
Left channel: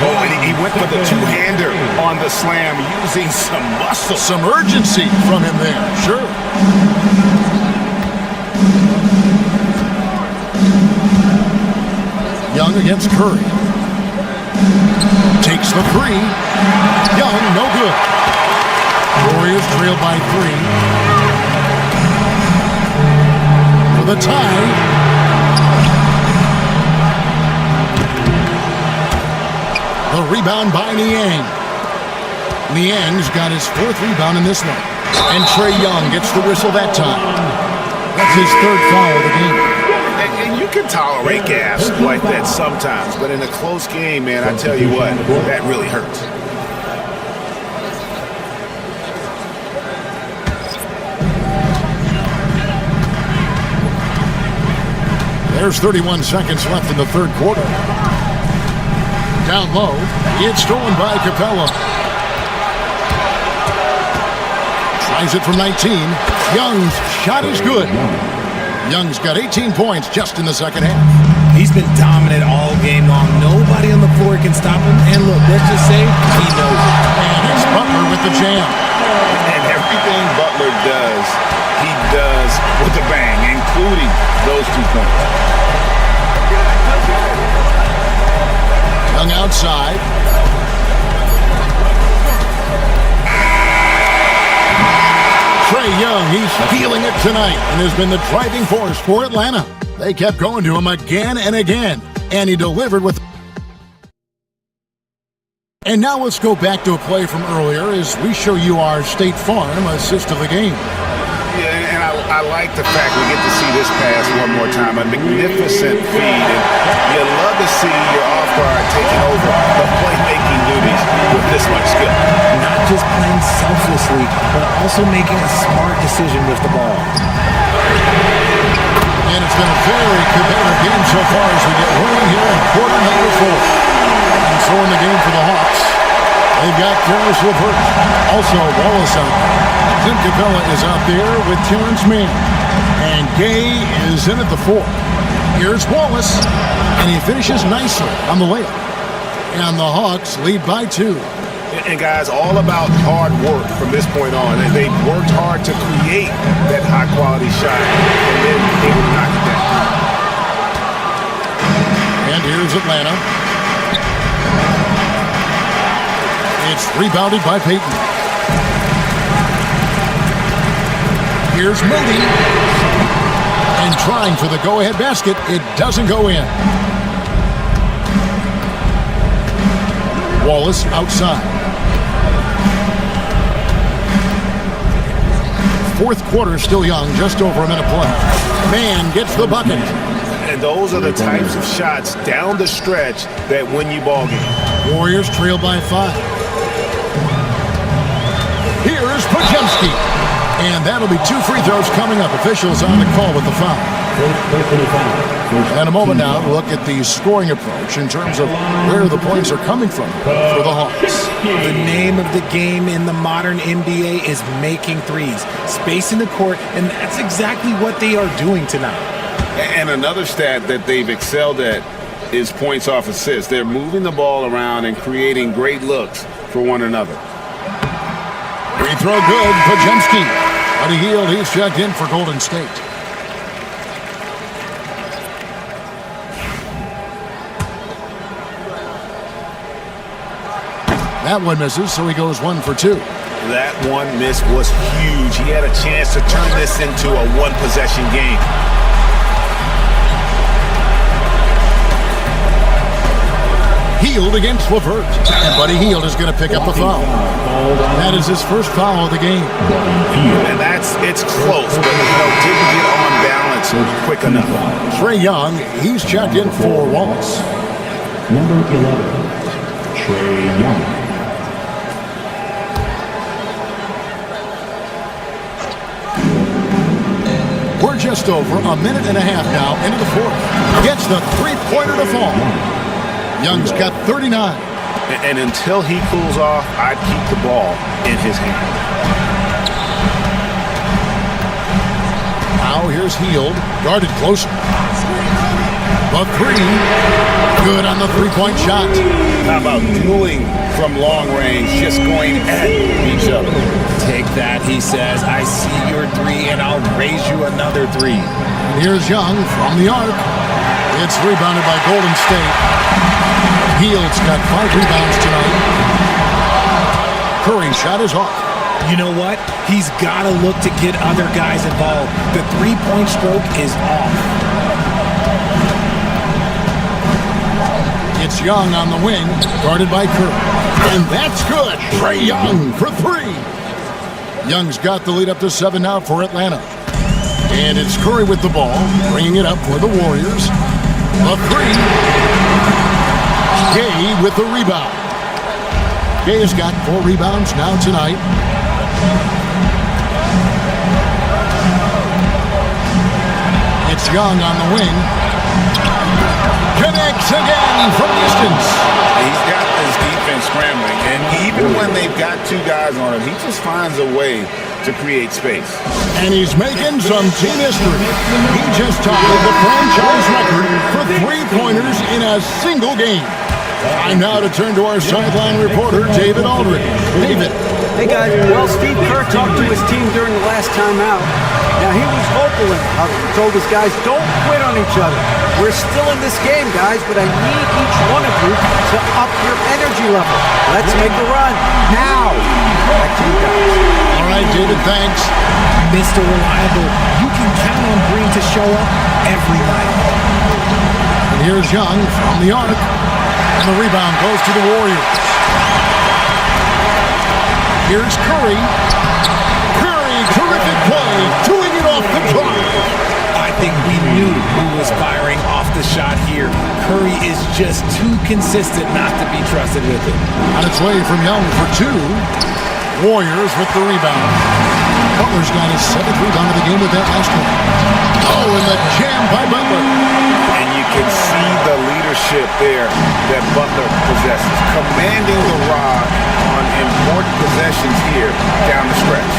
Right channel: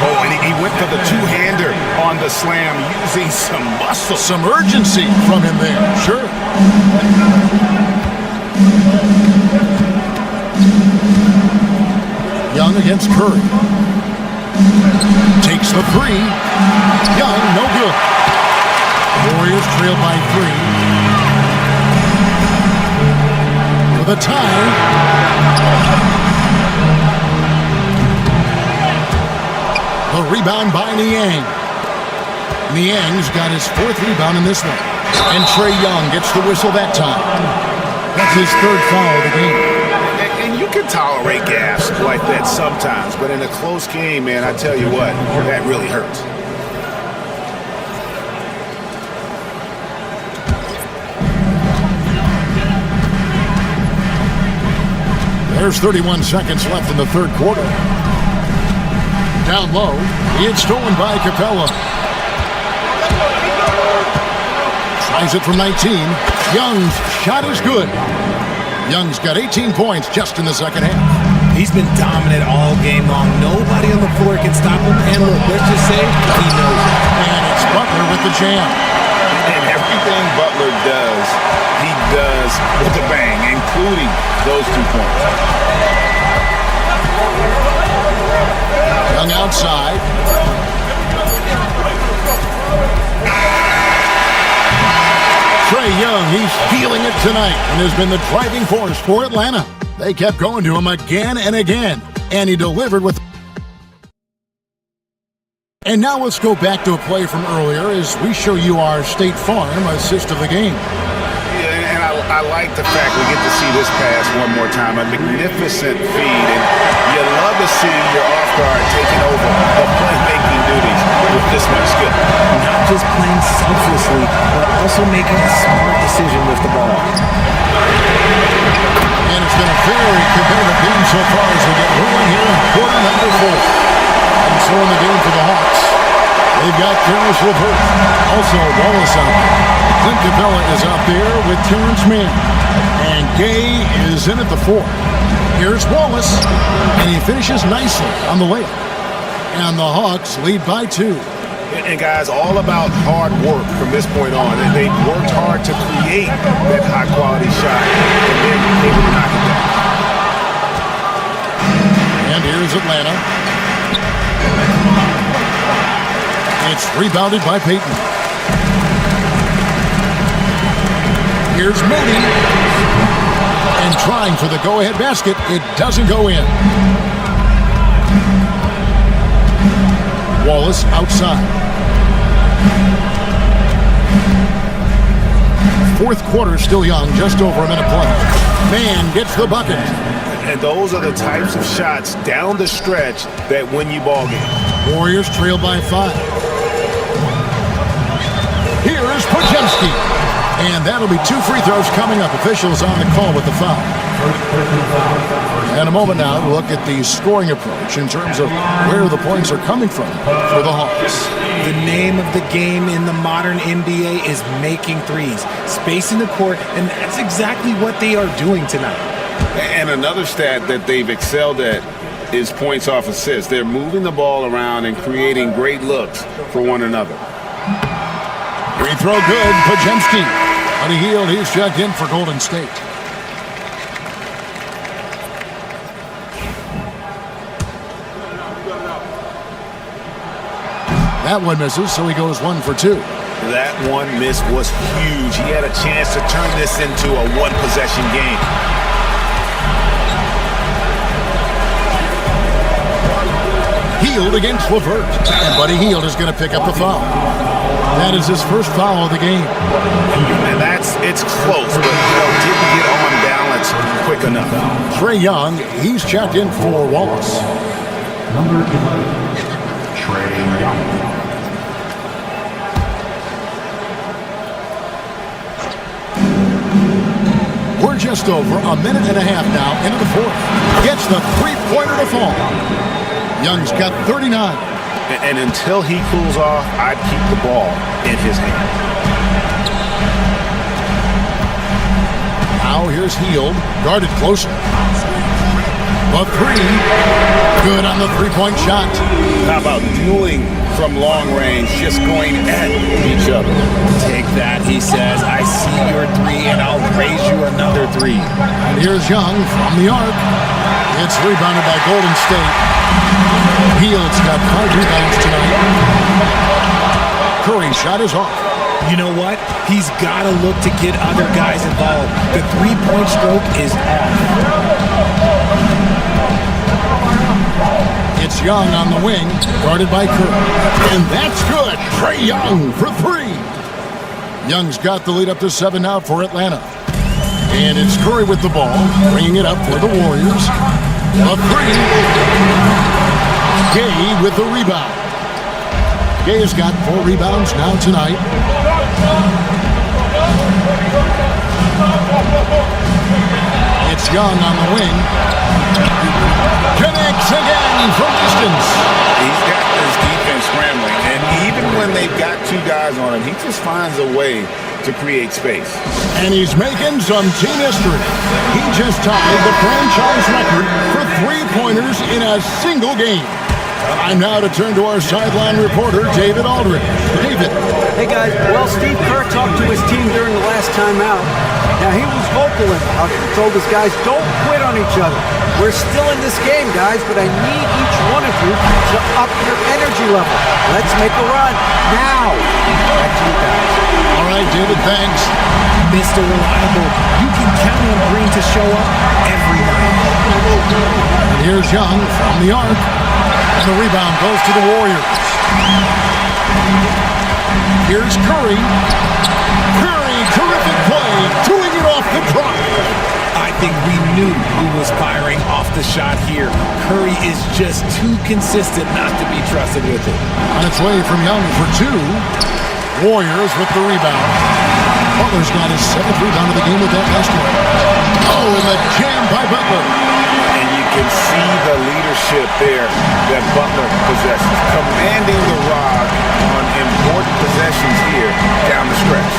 Oh, and he went for the two-hander on the slam using some muscle. Some urgency from him there, sure. Young against Curry. Takes the three. Young, no good. Warriors trail by 3. For the tie. The rebound by Niang. Niang's got his 4th rebound in this one. And Trae Young gets the whistle that time. That's his 3rd foul of the game. And you can tolerate gaffes like that sometimes, but in a close game, man, I tell you what, that really hurts. There's 31 seconds left in the 3rd quarter. Down low, it's stolen by Capella. Tries it from 19. Young's shot is good. Young's got 18 points just in the second half. He's been dominant all game long. Nobody on the floor can stop him. And look, let's just say he knows it. And it's Butler with the jam. And everything Butler does, he does with a bang, including those 2 points. Young outside. Trae Young, he's feeling it tonight and has been the driving force for Atlanta. They kept going to him again and again, and he delivered with... And now let's go back to a play from earlier as we show you our State Farm assist of the game. Yeah, and I like the fact we get to see this pass one more time. A magnificent feed, and you love to see your off guard taking over the playmaking duties with this much skill. Not just playing selflessly, but also making a smart decision with the ball. And it's been a very competitive game so far as we get rolling here in quarter number 4. And so in the game for the Hawks, they've got Caris LeVert, also Wallace out there. Clint Capella is out there with Terrence Mann. And Gay is in at the 4. Here's Wallace, and he finishes nicely on the layup. And the Hawks lead by 2. And guys, all about hard work from this point on. They've worked hard to create that high-quality shot and then able to knock it down. And here's Atlanta. It's rebounded by Payton. Here's Moody. And trying for the go-ahead basket. It doesn't go in. Wallace outside. 4th quarter still young, just over a minute play. Mann gets the bucket. And those are the types of shots down the stretch that win you ball games. Warriors trail by 5. Here is Podziemski. And that'll be 2 free throws coming up. Officials on the call with the foul. And a moment now to look at the scoring approach in terms of where the points are coming from for the Hawks. The name of the game in the modern NBA is making threes, spacing the court, and that's exactly what they are doing tonight. And another stat that they've excelled at is points off assists. They're moving the ball around and creating great looks for one another. Free throw good, Podziemski. Buddy Hield, he's checked in for Golden State. That one misses, so he goes 1 for 2. That one miss was huge. He had a chance to turn this into a one-possession game. Hield against LeVert. And Buddy Hield is going to pick up the foul. That is his first foul of the game. And it's close, but didn't get on balance quick enough. Trae Young, he's checked in for Wallace. Number 11, Trae Young. just over a minute and a half now into the fourth. Gets the three-pointer to fall. Young's got 39. And until he cools off, I'd keep the ball in his hand. Now here's Hield, guarded closer. The three, good on the three-point shot. How about dueling from long range, just going at each other? Take that, he says. I see your three, and I'll raise you another three. And here's Young from the arc. It's rebounded by Golden State. Hield's got 5 rebounds tonight. Curry's shot is off. You know what? He's got to look to get other guys involved. The three-point stroke is off. It's Young on the wing, guarded by Curry. And that's good. Trae Young for 3. Young's got the lead up to 7 now for Atlanta. And it's Curry with the ball, bringing it up for the Warriors. The 3. Gay with the rebound. Gay has got 4 rebounds now tonight. It's Young on the wing. Connects again from distance. He's got this defense scrambling, and even when they've got 2 guys on him, he just finds a way to create space. And he's making some team history. He just tied the franchise record for three-pointers in a single game. Time now to turn to our sideline reporter, David Aldridge. David. Hey, guys. Well, Steve Kerr talked to his team during the last timeout. Now, he was vocal in how he told his guys, don't quit on each other. We're still in this game, guys, but I need each one of you to up your energy level. Let's make a run now. Back to you guys. All right, David, thanks. Mr. Reliable, you can count on Green to show up every night. And here's Young from the arc. And the rebound goes to the Warriors. Here's Curry. Curry, terrific play, doing it off the drop. I think we knew who was firing off the shot here. Curry is just too consistent not to be trusted with it. On its way from Young for 2. Warriors with the rebound. Butler's got his 7th rebound of the game with that last one. Oh, and the jam by Butler. And you can see the leadership there that Butler possesses, commanding the rock on important possessions here down the stretch.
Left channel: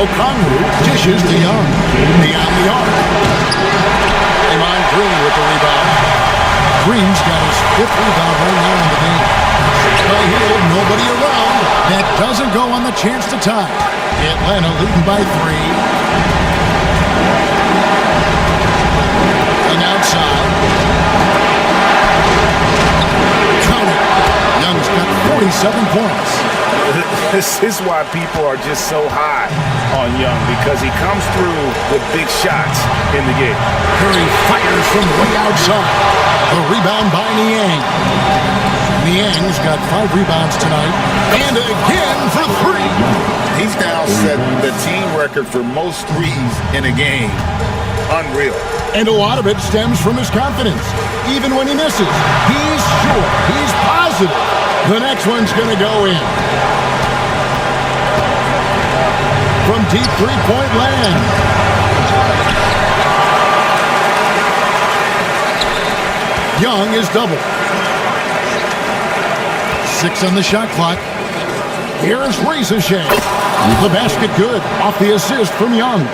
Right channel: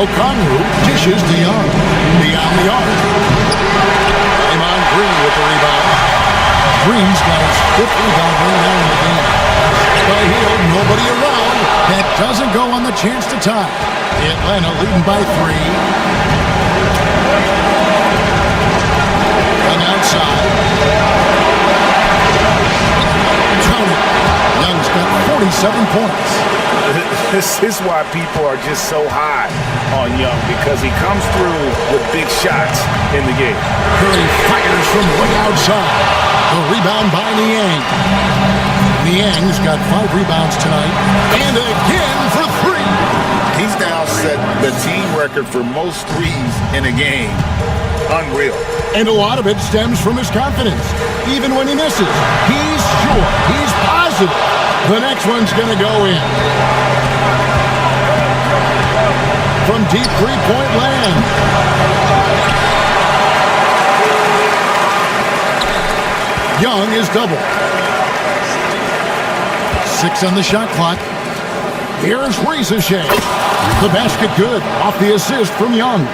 Okongwu dishes to Young. Beyond the arc. Draymond Green with the rebound. Green's got his 5th rebound right now in the game. By Hield, nobody around. That doesn't go on the chance to tie. Atlanta leading by 3. Young outside. Count it. Young's got 47 points. This is why people are just so high on Young, because he comes through with big shots in the game. Curry fires from way outside. The rebound by Niang. Niang's got 5 rebounds tonight. And again for 3. He's now set the team record for most threes in a game. Unreal. And a lot of it stems from his confidence. Even when he misses, he's sure, he's positive the next one's going to go in. From deep three-point land. Young is double. 6 on the shot clock. Here's Risacher. The basket good off the assist from Young.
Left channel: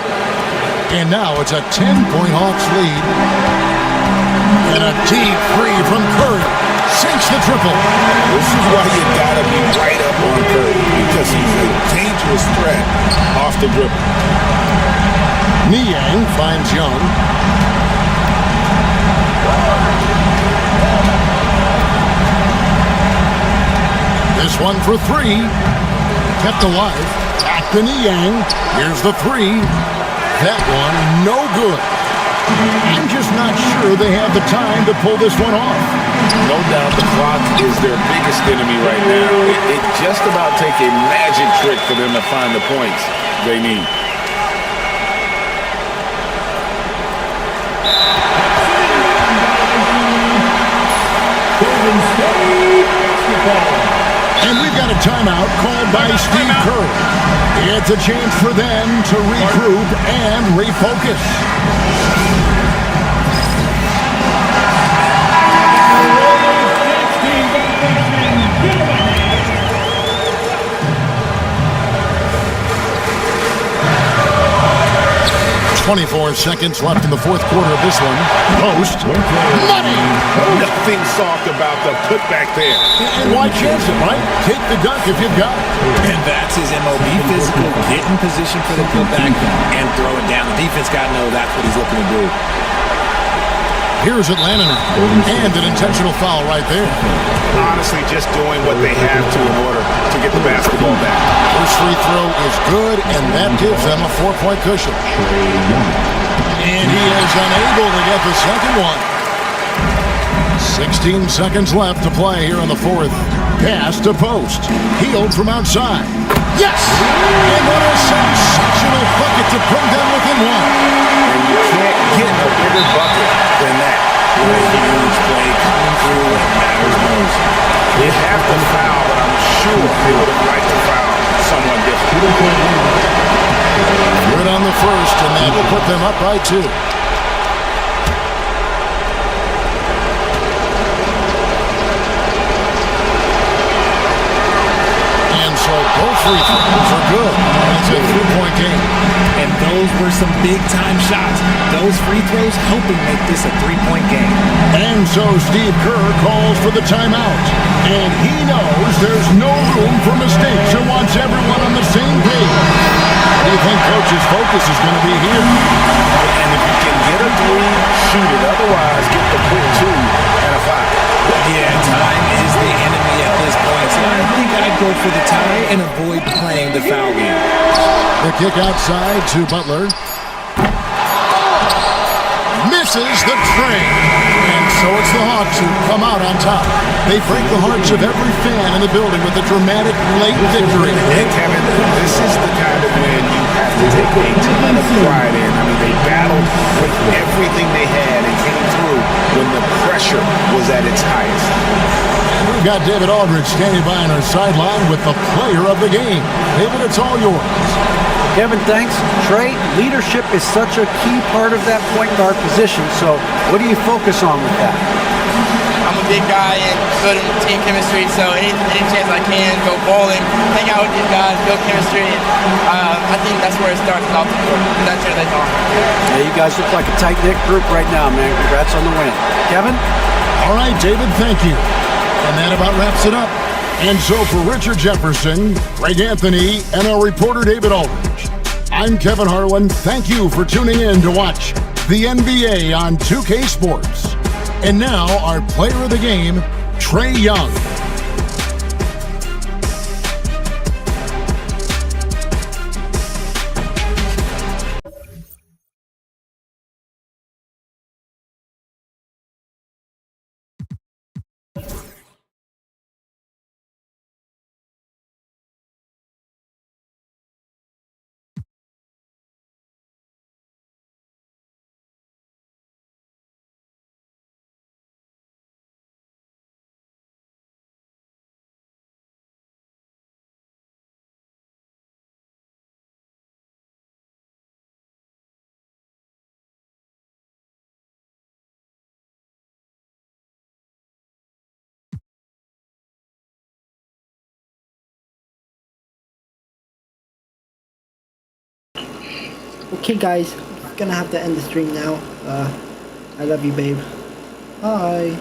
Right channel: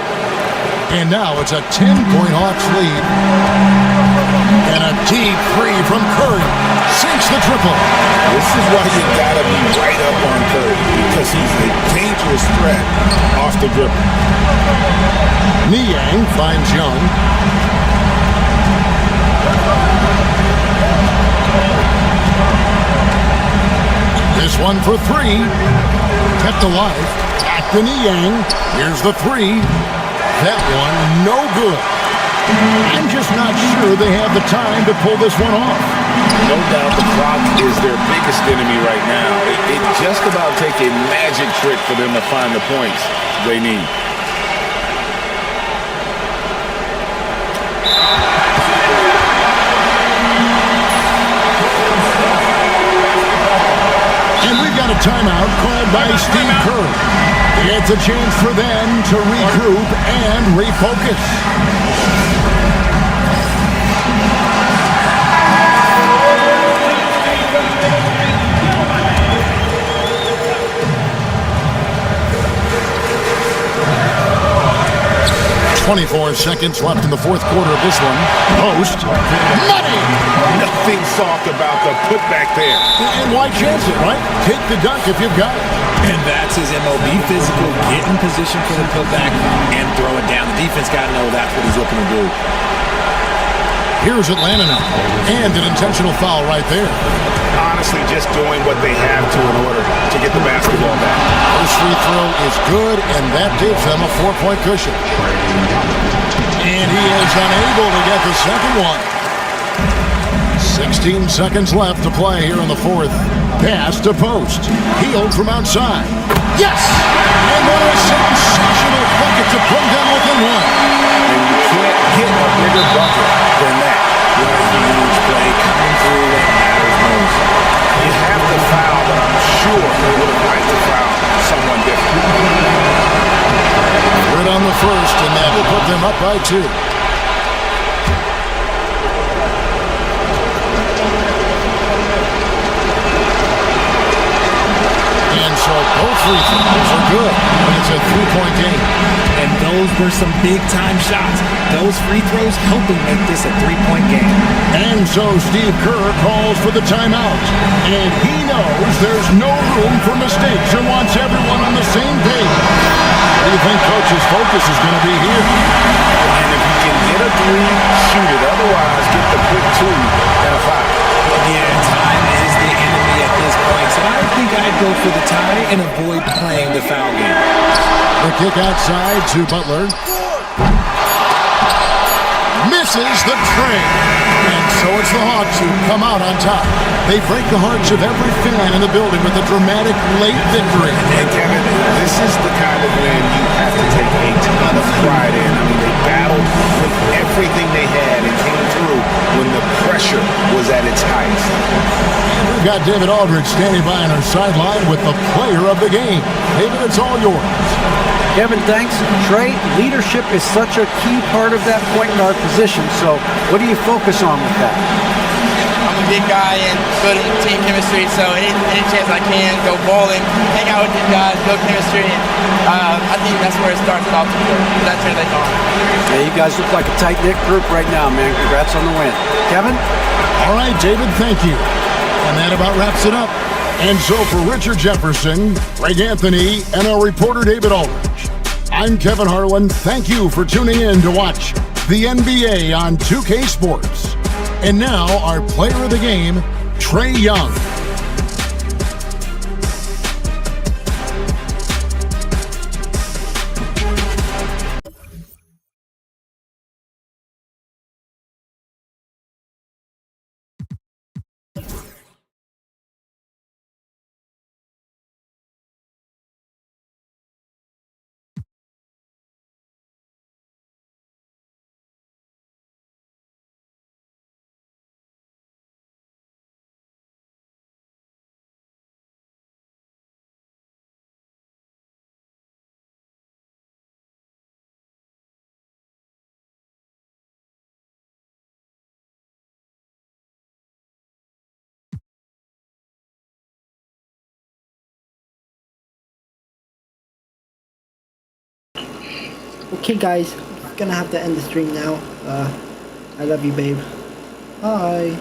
And now it's a 10-point Hawks lead. And a deep 3 from Curry. Sinks the triple. This is why you gotta be right up on Curry, because he's a dangerous threat off the dribble. Niang finds Young. This one for 3. Kept alive. Back to Niang. Here's the 3. That one, no good. I'm just not sure they have the time to pull this one off. No doubt the clock is their biggest enemy right now. It just about take a magic trick for them to find the points they need. And we've got a timeout called by Steve Kerr. It's a chance for them to regroup and refocus. "24 seconds left in the fourth quarter of this one. Post. Money! Nothing soft about the putback there. And why chance it, right? Take the dunk if you've got it. And that's his MO. Be physical, get in position for the putback, and throw it down. The defense got to know that's what he's looking to do. Here's Atlanta now. And an intentional foul right there. Honestly, just doing what they have to in order to get the basketball back. First free throw is good, and that gives them a 4-point cushion. And he is unable to get the second one. 16 seconds left to play here in the fourth. Pass to Post. Healed from outside. Yes! And what a sensational bucket to bring them within one. And you can't get a bigger bucket than that. What a huge play coming through when it matters most. You have to foul, but I'm sure they would have liked to foul someone different. Good on the first, and that will put them up by 2. And so both free throws are good. And it's a 3-point game. And those were some big-time shots. Those free throws helping make this a 3-point game. And so Steve Kerr calls for the timeout. And he knows there's no room for mistakes and wants everyone on the same page. What do you think Coach's focus is going to be here? And if you can get a 3, shoot it. Otherwise, get the quick 2 and a 5. Yeah, time is the enemy at this point. So I think I'd go for the tie and avoid playing the foul game. The kick outside to Butler. Misses the train. And so it's the Hawks who come out on top. They break the hearts of every fan in the building with a dramatic late victory. And Kevin, this is the kind of win you have to take a ton of pride in. I mean, they battled with everything they had and came through when the pressure was at its highest. And we've got David Aldridge standing by on our sideline with the player of the game. David, it's all yours. Kevin, thanks. Trey, leadership is such a key part of that point guard position, so what do you focus on with that? I'm a big guy and good team chemistry, so any chance I can, go bowling, hang out with these guys, build chemistry. I think that's where it starts off the court. That translates on. Yeah, you guys look like a tight-knit group right now, man. Congrats on the win. Kevin? All right, David, thank you. And that about wraps it up. And so for Richard Jefferson, Greg Anthony, and our reporter David Aldridge, I'm Kevin Harlan. Thank you for tuning in to watch the NBA on 2K Sports. And now our player of the game, Trae Young. Okay guys, gonna have to end the stream now. I love you, babe. Bye.